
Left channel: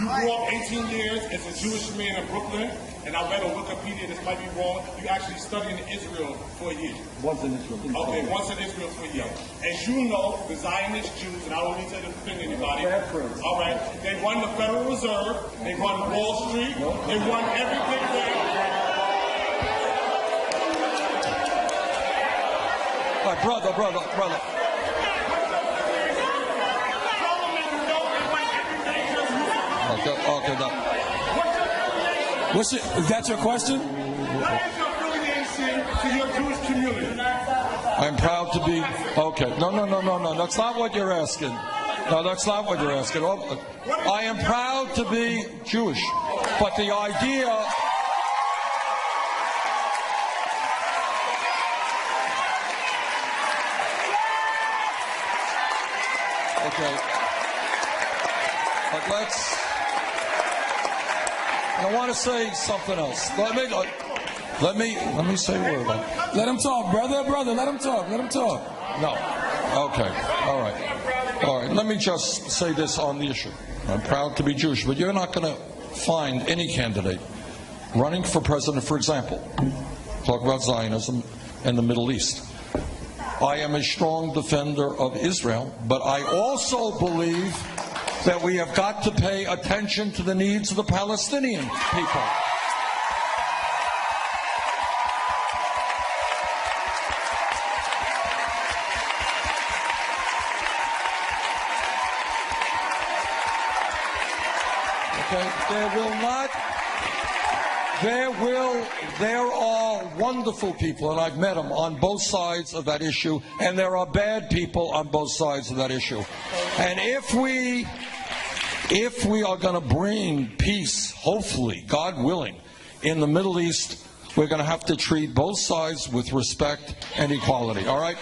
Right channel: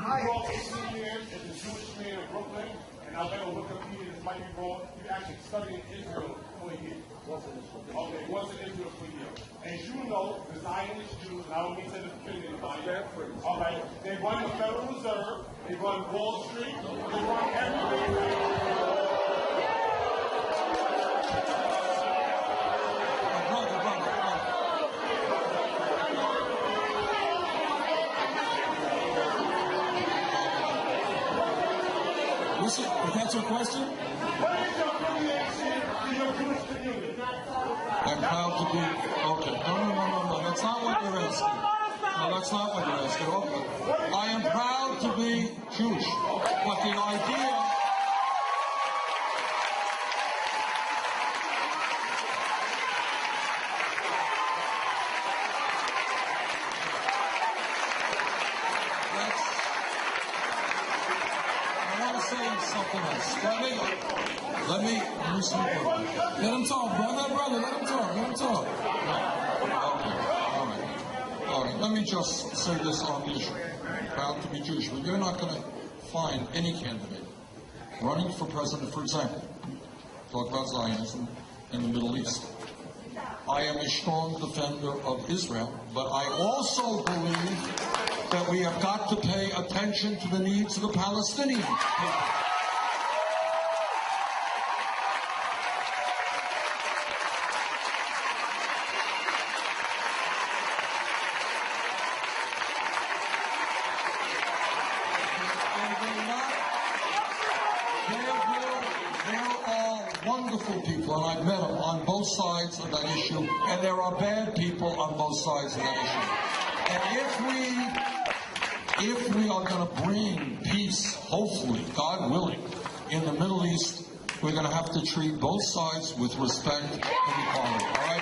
You grew up 18 years as a Jewish man in Brooklyn, and I read on Wikipedia, this might be wrong, you actually studied in Israel for a year. Once in Israel. Okay, once in Israel for a year. As you know, the Zionist Jews, and I don't need to defend anybody, all right, they run the Federal Reserve, they run Wall Street, they run everything there. All right, brother. Is that your question? What is your affiliation to your Jewish community? I'm proud to be, okay. No, that's not what you're asking. No, that's not what you're asking. I am proud to be Jewish, but the idea... Okay. But I want to say something else. Let me say a word. Let him talk, brother. Let him talk. No. Okay. All right. Let me just say this on the issue. I'm proud to be Jewish, but you're not going to find any candidate running for president, for example, talk about Zionism and the Middle East. I am a strong defender of Israel, but I also believe that we have got to pay attention to the needs of the Palestinian people. There are wonderful people, and I've met them on both sides of that issue, and there are bad people on both sides of that issue. And if we are going to bring peace, hopefully, God willing, in the Middle East, we're going to have to treat both sides with respect and equality, all right?